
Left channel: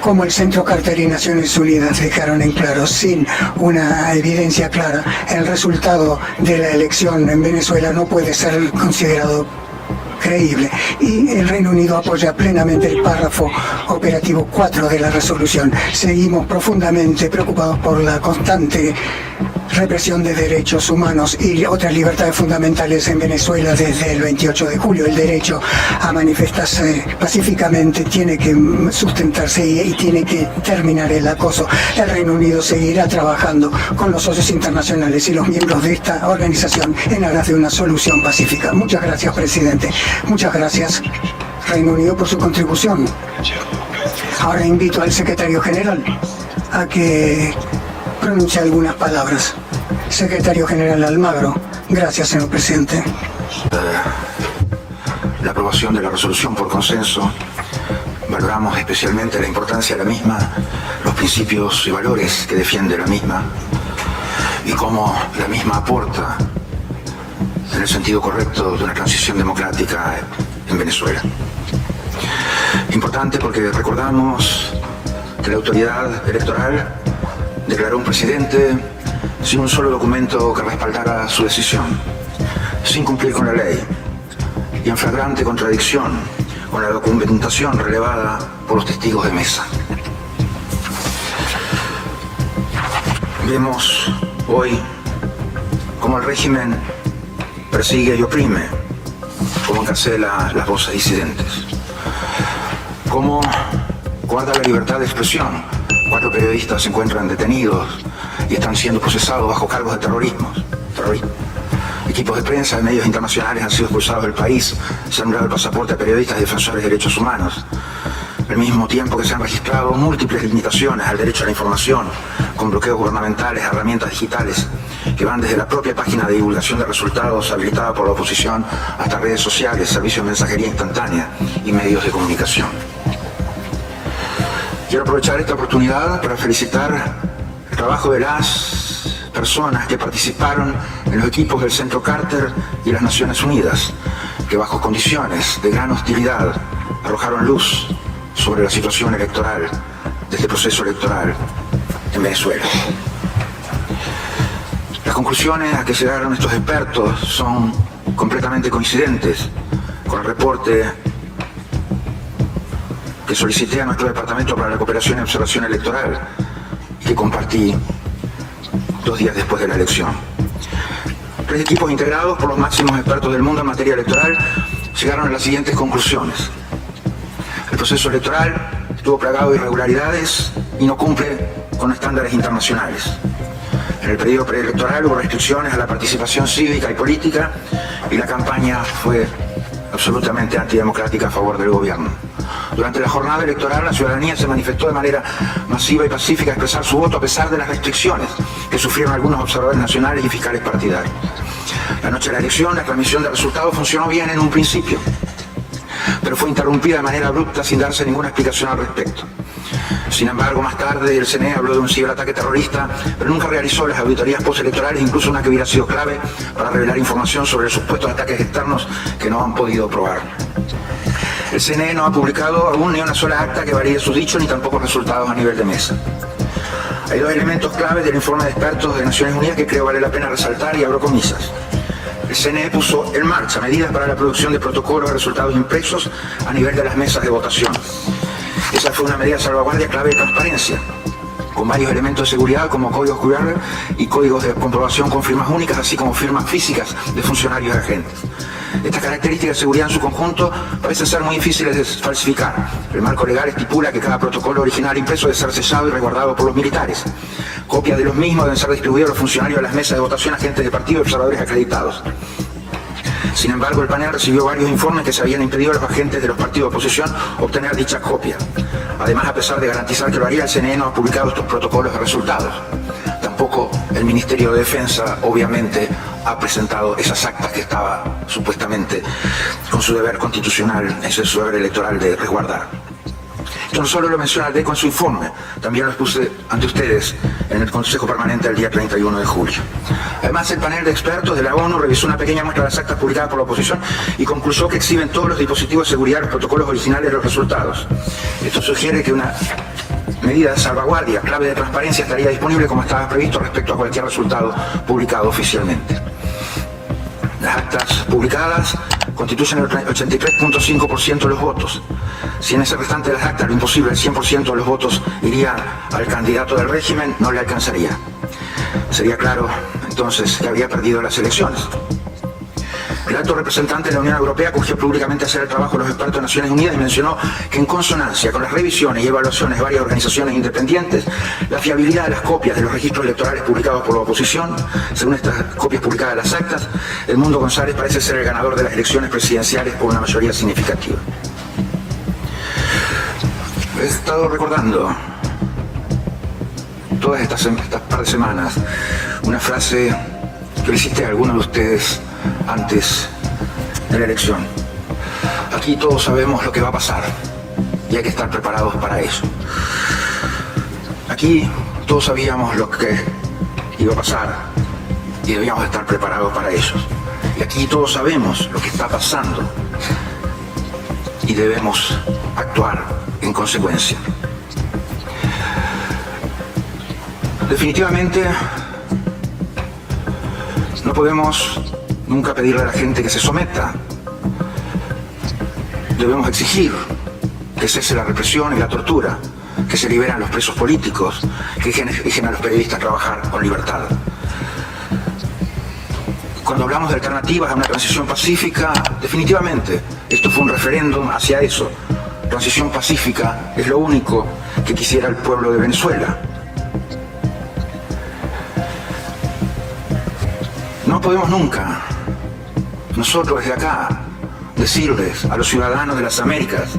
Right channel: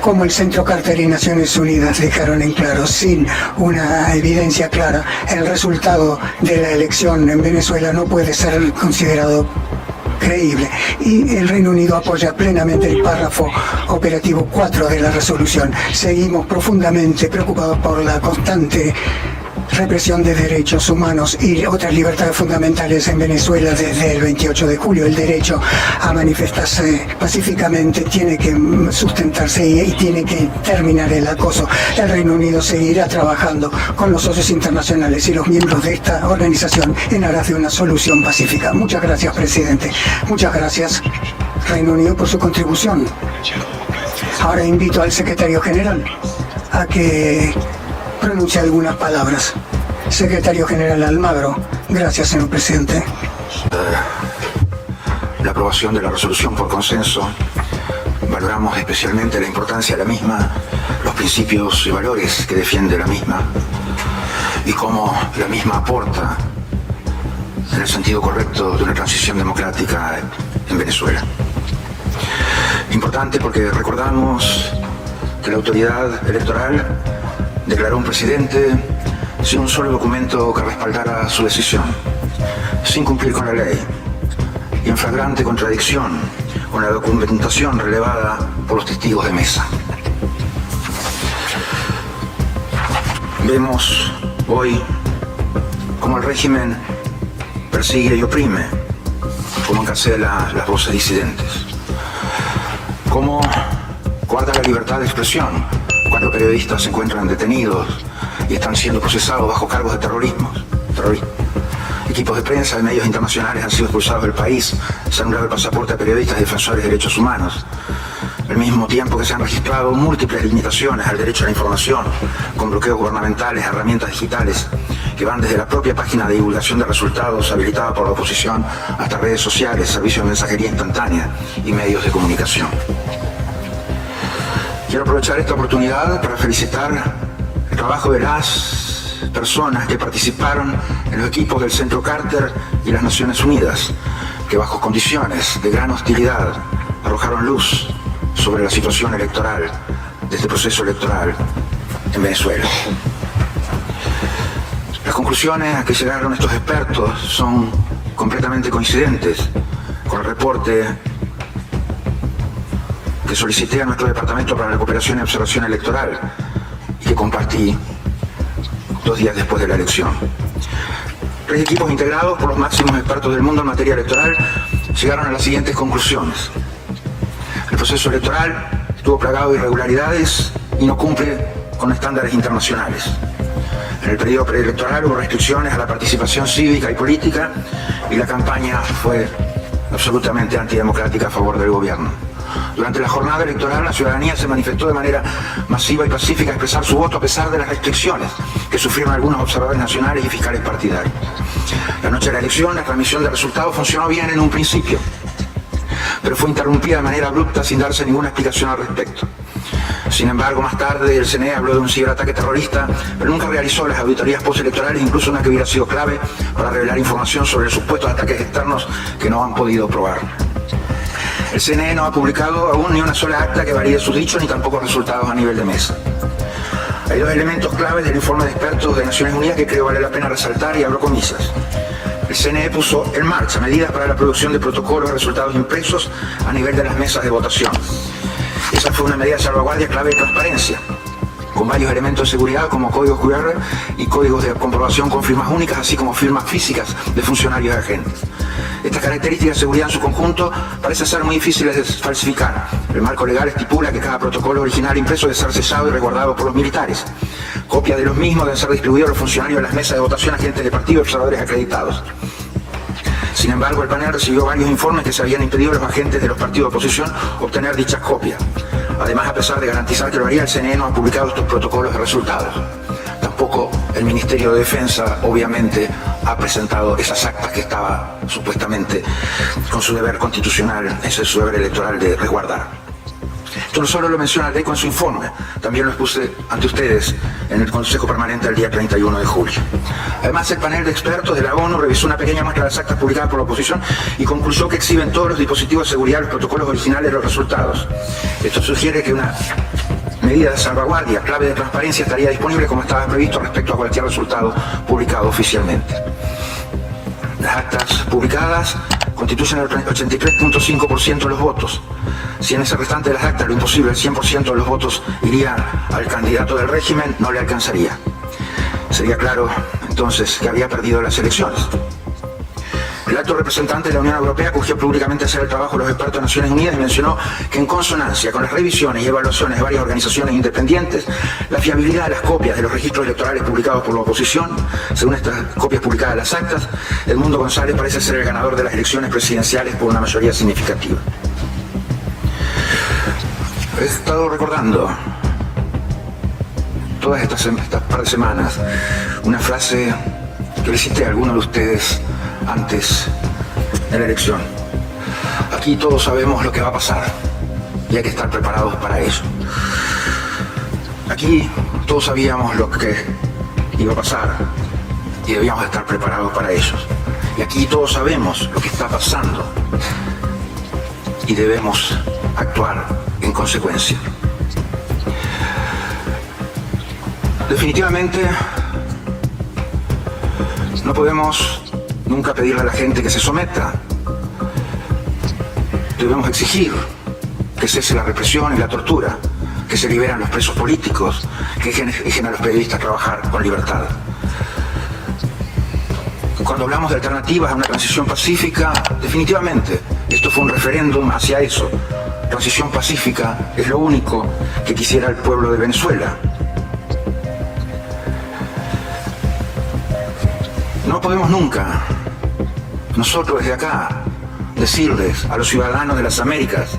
Como el Centro Carter y Naciones Unidas dejaron en claro, sin una evidencia clara, el resultado de la elección en Venezuela no puede ser considerado creíble, y el Reino Unido apoya plenamente el párrafo operativo 4 de la resolución. Seguimos profundamente preocupados por la constante represión de derechos humanos y otras libertades fundamentales en Venezuela desde el 28 de julio. El derecho a manifestarse pacíficamente tiene que sustentarse y tiene que terminar el acoso. El Reino Unido seguirá trabajando con los socios internacionales y los miembros de esta organización en aras de una solución pacífica. Muchas gracias, presidente. Muchas gracias, Reino Unido, por su contribución. Ahora invito al secretario general a que pronuncie algunas palabras. Secretario General Almagro. Gracias, señor presidente. La aprobación de la resolución por consenso. Valoramos especialmente la importancia de la misma, los principios y valores que defiende la misma, y cómo la misma aporta en el sentido correcto de una transición democrática en Venezuela. Importante porque recordamos que la autoridad electoral declaró un presidente sin un solo documento que respaldara su decisión, sin cumplir con la ley y en flagrante contradicción con la documentación relevada por los testigos de mesa. Vemos hoy cómo el régimen persigue y oprime, cómo encarcela las voces disidentes, cómo guarda la libertad de expresión cuando periodistas se encuentran detenidos y están siendo procesados bajo cargos de terrorismo. Equipos de prensa de medios internacionales han sido expulsados del país, se ha anulado el pasaporte a periodistas y defensores de derechos humanos, al mismo tiempo que se han registrado múltiples limitaciones al derecho a la información, con bloqueos gubernamentales, herramientas digitales que van desde la propia página de divulgación de resultados habilitada por la oposición hasta redes sociales, servicios de mensajería instantánea y medios de comunicación. Quiero aprovechar esta oportunidad para felicitar el trabajo de las personas que participaron en los equipos del Centro Carter y las Naciones Unidas, que bajo condiciones de gran hostilidad arrojaron luz sobre la situación electoral de este proceso electoral en Venezuela. Las conclusiones a que llegaron estos expertos son completamente coincidentes con el reporte que solicité a nuestro Departamento para la Cooperación y Observación Electoral y que compartí 2 días después de la elección. 3 equipos integrados por los máximos expertos del mundo en materia electoral llegaron a las siguientes conclusiones. El proceso electoral estuvo plagado de irregularidades y no cumple con estándares internacionales. En el periodo preelectoral hubo restricciones a la participación cívica y política y la campaña fue absolutamente antidemocrática a favor del gobierno. Durante la jornada electoral, la ciudadanía se manifestó de manera masiva y pacífica a expresar su voto a pesar de las restricciones que sufrieron algunos observadores nacionales y fiscales partidarios. La noche de la elección, la transmisión de resultados funcionó bien en un principio, pero fue interrumpida de manera abrupta sin darse ninguna explicación al respecto. Sin embargo, más tarde el CNE habló de un ciberataque terrorista, pero nunca realizó las auditorías postelectorales, incluso una que hubiera sido clave para revelar información sobre los supuestos ataques externos que no han podido probar. El CNE no ha publicado aún ni una sola acta que valide sus dichos, ni tampoco resultados a nivel de mesa. Hay dos elementos claves del informe de expertos de Naciones Unidas que creo vale la pena resaltar y abro comillas. El CNE puso en marcha medidas para la producción de protocolos de resultados impresos a nivel de las mesas de votación. Esa fue una medida de salvaguardia clave de transparencia, con varios elementos de seguridad como códigos QR y códigos de comprobación con firmas únicas, así como firmas físicas de funcionarios y agentes. Estas características de seguridad en su conjunto parecen ser muy difíciles de falsificar. El marco legal estipula que cada protocolo original impreso debe ser sellado y resguardado por los militares. Copias de los mismos deben ser distribuidas a los funcionarios de las mesas de votación, agentes de partido y observadores acreditados. Sin embargo, el panel recibió varios informes que se habían impedido a los agentes de los partidos de oposición obtener dichas copias. Además, a pesar de garantizar que lo haría, el CNE no ha publicado estos protocolos de resultados. Tampoco el Ministerio de Defensa, obviamente, ha presentado esas actas que estaba supuestamente con su deber constitucional, ese es su deber electoral de resguardar. Esto no solo lo menciona el DECO en su informe, también lo expuse ante ustedes en el Consejo Permanente el día 31 de julio. Además, el panel de expertos de la ONU revisó una pequeña muestra de las actas publicadas por la oposición y concluyó que exhiben todos los dispositivos de seguridad los protocolos originales de los resultados. Esto sugiere que una medida de salvaguardia, clave de transparencia, estaría disponible como estaba previsto respecto a cualquier resultado publicado oficialmente. Las actas publicadas constituyen el 83.5% de los votos. Si en ese restante de las actas lo imposible, el 100% de los votos iría al candidato del régimen, no le alcanzaría. Sería claro, entonces, que había perdido las elecciones. El alto representante de la Unión Europea acogió públicamente a hacer el trabajo de los expertos de Naciones Unidas y mencionó que en consonancia con las revisiones y evaluaciones de varias organizaciones independientes, la fiabilidad de las copias de los registros electorales publicados por la oposición, según estas copias publicadas de las actas, Edmundo González parece ser el ganador de las elecciones presidenciales por una mayoría significativa. He estado recordando todas estas par de semanas una frase que le cité a algunos de ustedes antes de la elección. Aquí todos sabemos lo que va a pasar y hay que estar preparados para eso. Aquí todos sabíamos lo que iba a pasar y debíamos estar preparados para eso. Y aquí todos sabemos lo que está pasando y debemos actuar en consecuencia. Definitivamente no podemos nunca pedirle a la gente que se someta. Debemos exigir que cese la represión y la tortura, que se liberen los presos políticos, que dejen a los periodistas trabajar con libertad. Cuando hablamos de alternativas a una transición pacífica, definitivamente esto fue un referéndum hacia eso. Transición pacífica es lo único que quisiera el pueblo de Venezuela. No podemos nunca, nosotros desde acá, decirles a los ciudadanos de las Américas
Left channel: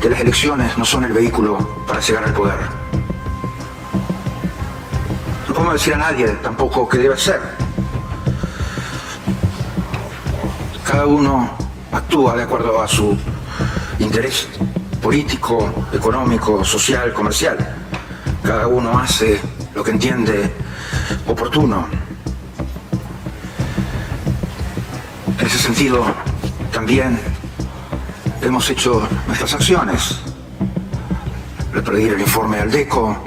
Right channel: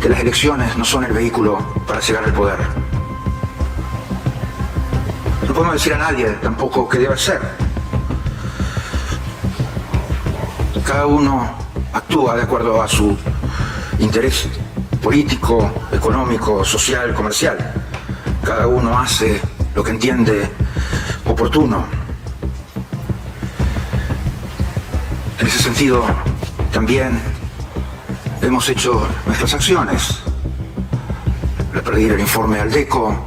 que las elecciones no son el vehículo para llegar al poder. No podemos decir a nadie tampoco que debe ser. Cada uno actúa de acuerdo a su interés político, económico, social, comercial. Cada uno hace lo que entiende oportuno. En ese sentido, también hemos hecho nuestras acciones. Le pedir el informe al DECO,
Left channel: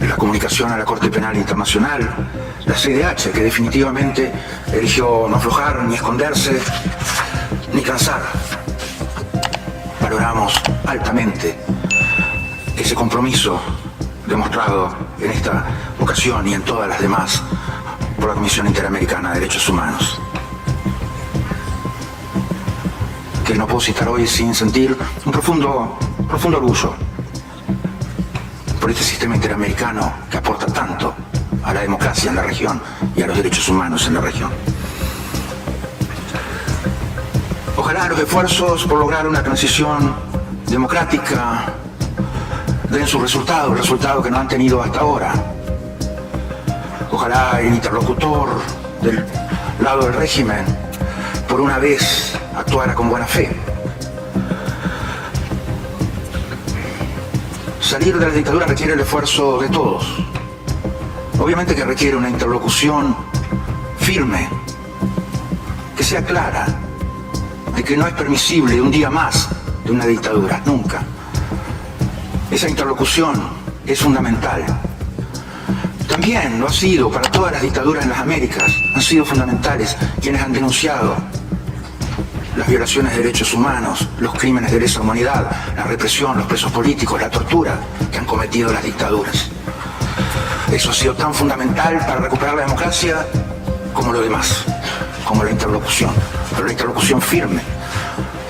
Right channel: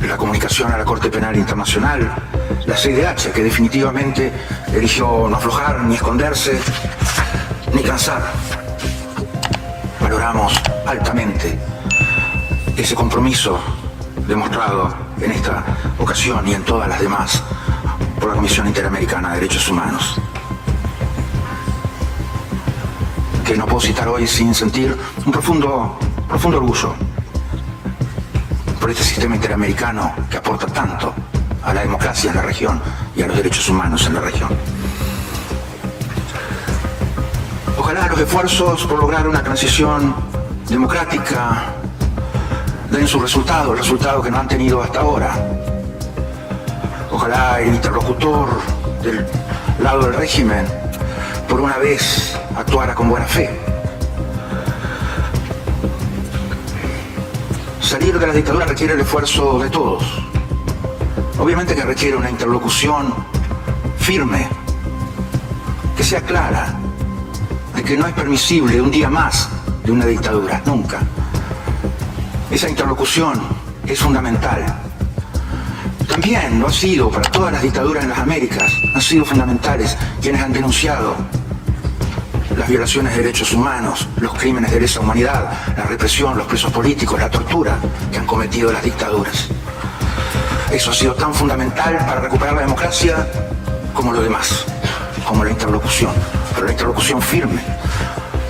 la comunicación a la Corte Penal Internacional, la CIDH, que definitivamente eligió no aflojar, ni esconderse, ni cansar. Valoramos altamente ese compromiso demostrado en esta ocasión y en todas las demás por la Comisión Interamericana de Derechos Humanos, que no puedo citar hoy sin sentir un profundo orgullo por este sistema interamericano que aporta tanto a la democracia en la región y a los derechos humanos en la región. Ojalá los esfuerzos por lograr una transición democrática den su resultado, el resultado que no han tenido hasta ahora. Ojalá el interlocutor del lado del régimen por una vez actuara con buena fe. salir de la dictadura requiere el esfuerzo de todos. Obviamente que requiere una interlocución firme, que sea clara, de que no es permisible un día más de una dictadura, nunca. Esa interlocución es fundamental. También lo ha sido para todas las dictaduras en las Américas. Han sido fundamentales quienes han denunciado las violaciones de derechos humanos, los crímenes de lesa humanidad, la represión, los presos políticos, la tortura que han cometido las dictaduras. Eso ha sido tan fundamental para recuperar la democracia como lo demás, como la interlocución, pero la interlocución firme.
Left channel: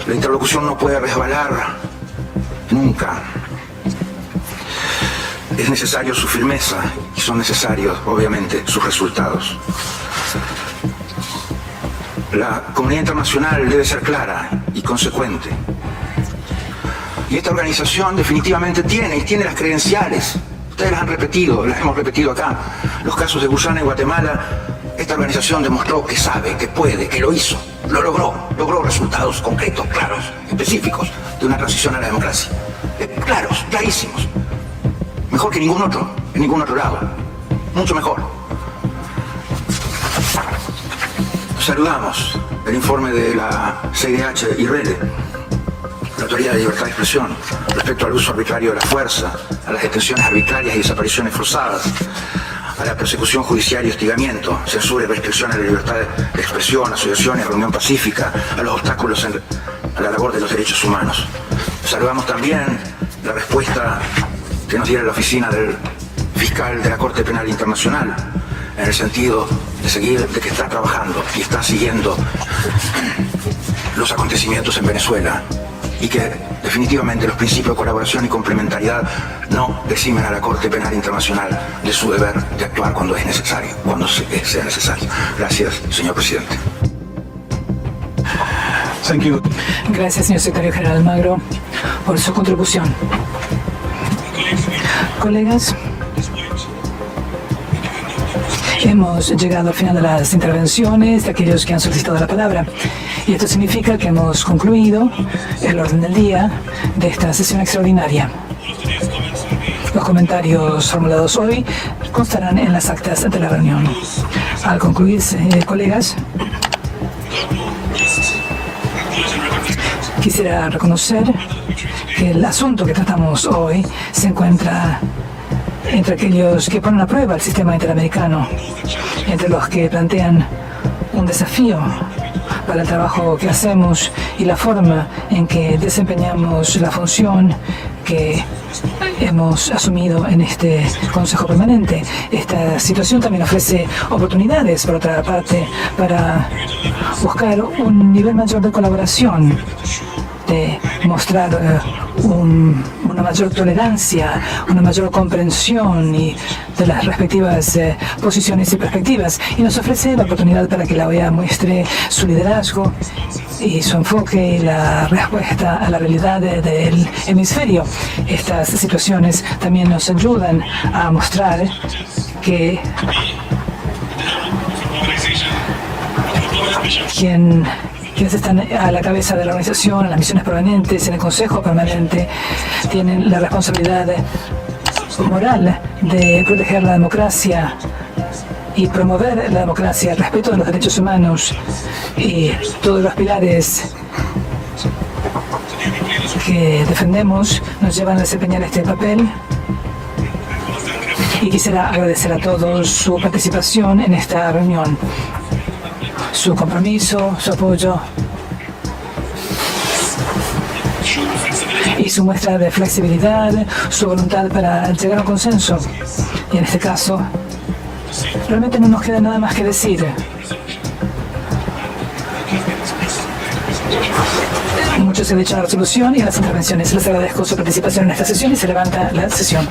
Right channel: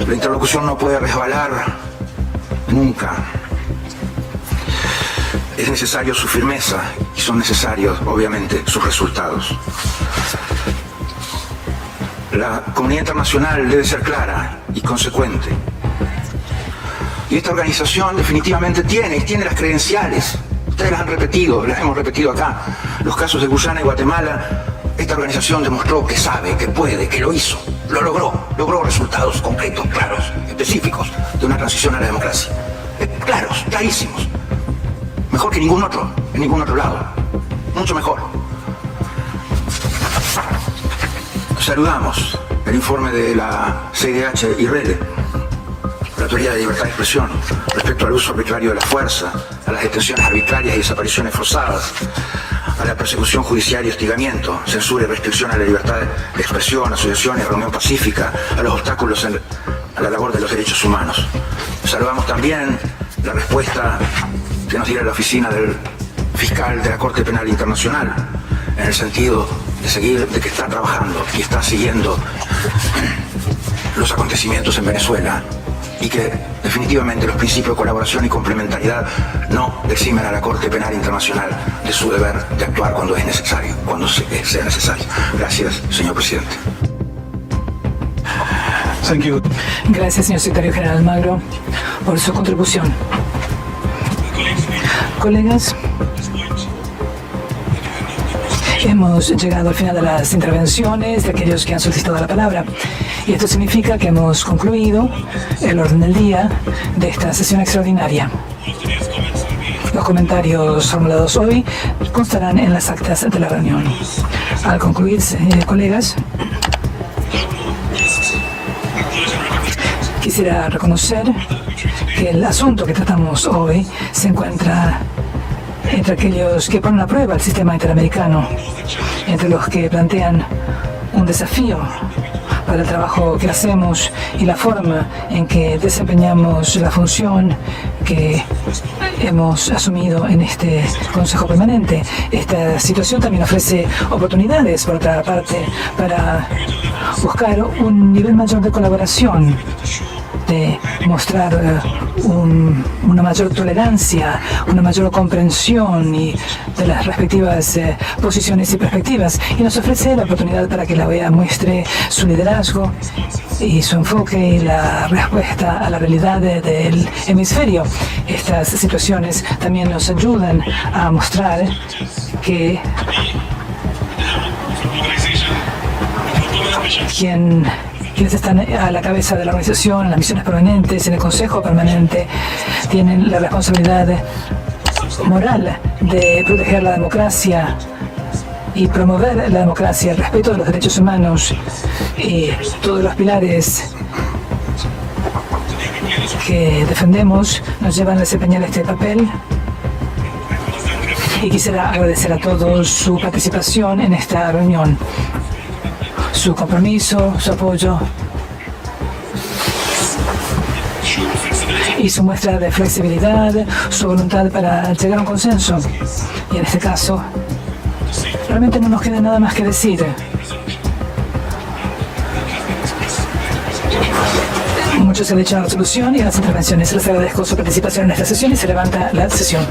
La interlocución no puede resbalar nunca. Es necesario su firmeza y son necesarios, obviamente, sus resultados. La comunidad internacional debe ser clara y consecuente. Y esta organización definitivamente tiene las credenciales. Ustedes las han repetido, las hemos repetido acá. Los casos de Guyana y Guatemala, esta organización demostró que sabe, que puede, que lo hizo, lo logró resultados concretos, claros, específicos de una transición a la democracia. Claros, clarísimos. Mejor que ningún otro, en ningún otro lado. Mucho mejor. Saludamos el informe de la CIDH y RELE, la Autoridad de Libertad de Expresión, respecto al uso arbitrario de la fuerza, a las detenciones arbitrarias y desapariciones forzadas, a la persecución judicial y hostigamiento, censura y restricción a la libertad de expresión, asociación y reunión pacífica, a los obstáculos a la labor de los derechos humanos. Saludamos también la respuesta que nos diera la oficina del fiscal de la Corte Penal Internacional, en el sentido de que están trabajando y están siguiendo los acontecimientos en Venezuela y que definitivamente los principios de colaboración y complementariedad no eximen a la Corte Penal Internacional de su deber de actuar cuando es necesario, cuando sea necesario. Gracias, señor presidente. Thank you. Gracias, señor secretario general Almagro, por su contribución. Colegas, hemos llegado al final de las intervenciones de aquellos que han solicitado la palabra. Y esto significa que hemos concluido el orden del día de esta sesión extraordinaria. Los comentarios formulados hoy constarán en las actas de la reunión. Al concluirse, colegas, quisiera reconocer que el asunto que tratamos hoy se encuentra entre aquellos que ponen a prueba el sistema interamericano, entre los que plantean un desafío para el trabajo que hacemos y la forma en que desempeñamos la función que hemos asumido en este Consejo Permanente. Esta situación también ofrece oportunidades, por otra parte, para buscar un nivel mayor de colaboración, de mostrar una mayor tolerancia, una mayor comprensión y de las respectivas posiciones y perspectivas, y nos ofrece la oportunidad para que la OEA muestre su liderazgo y su enfoque y la respuesta a la realidad del hemisferio. Estas situaciones también nos ayudan a mostrar que quienes están a la cabeza de la organización, en las misiones permanentes, en el Consejo Permanente, tienen la responsabilidad moral de proteger la democracia y promover la democracia, el respeto de los derechos humanos y todos los pilares que defendemos nos llevan a desempeñar este papel. Y quisiera agradecer a todos su participación en esta reunión, su compromiso, su apoyo y su muestra de flexibilidad, su voluntad para llegar a un consenso. Y en este caso, realmente no nos queda nada más que decir. Mucho se ha dicho a la resolución y a las intervenciones. Les agradezco su participación en esta sesión y se levanta la sesión.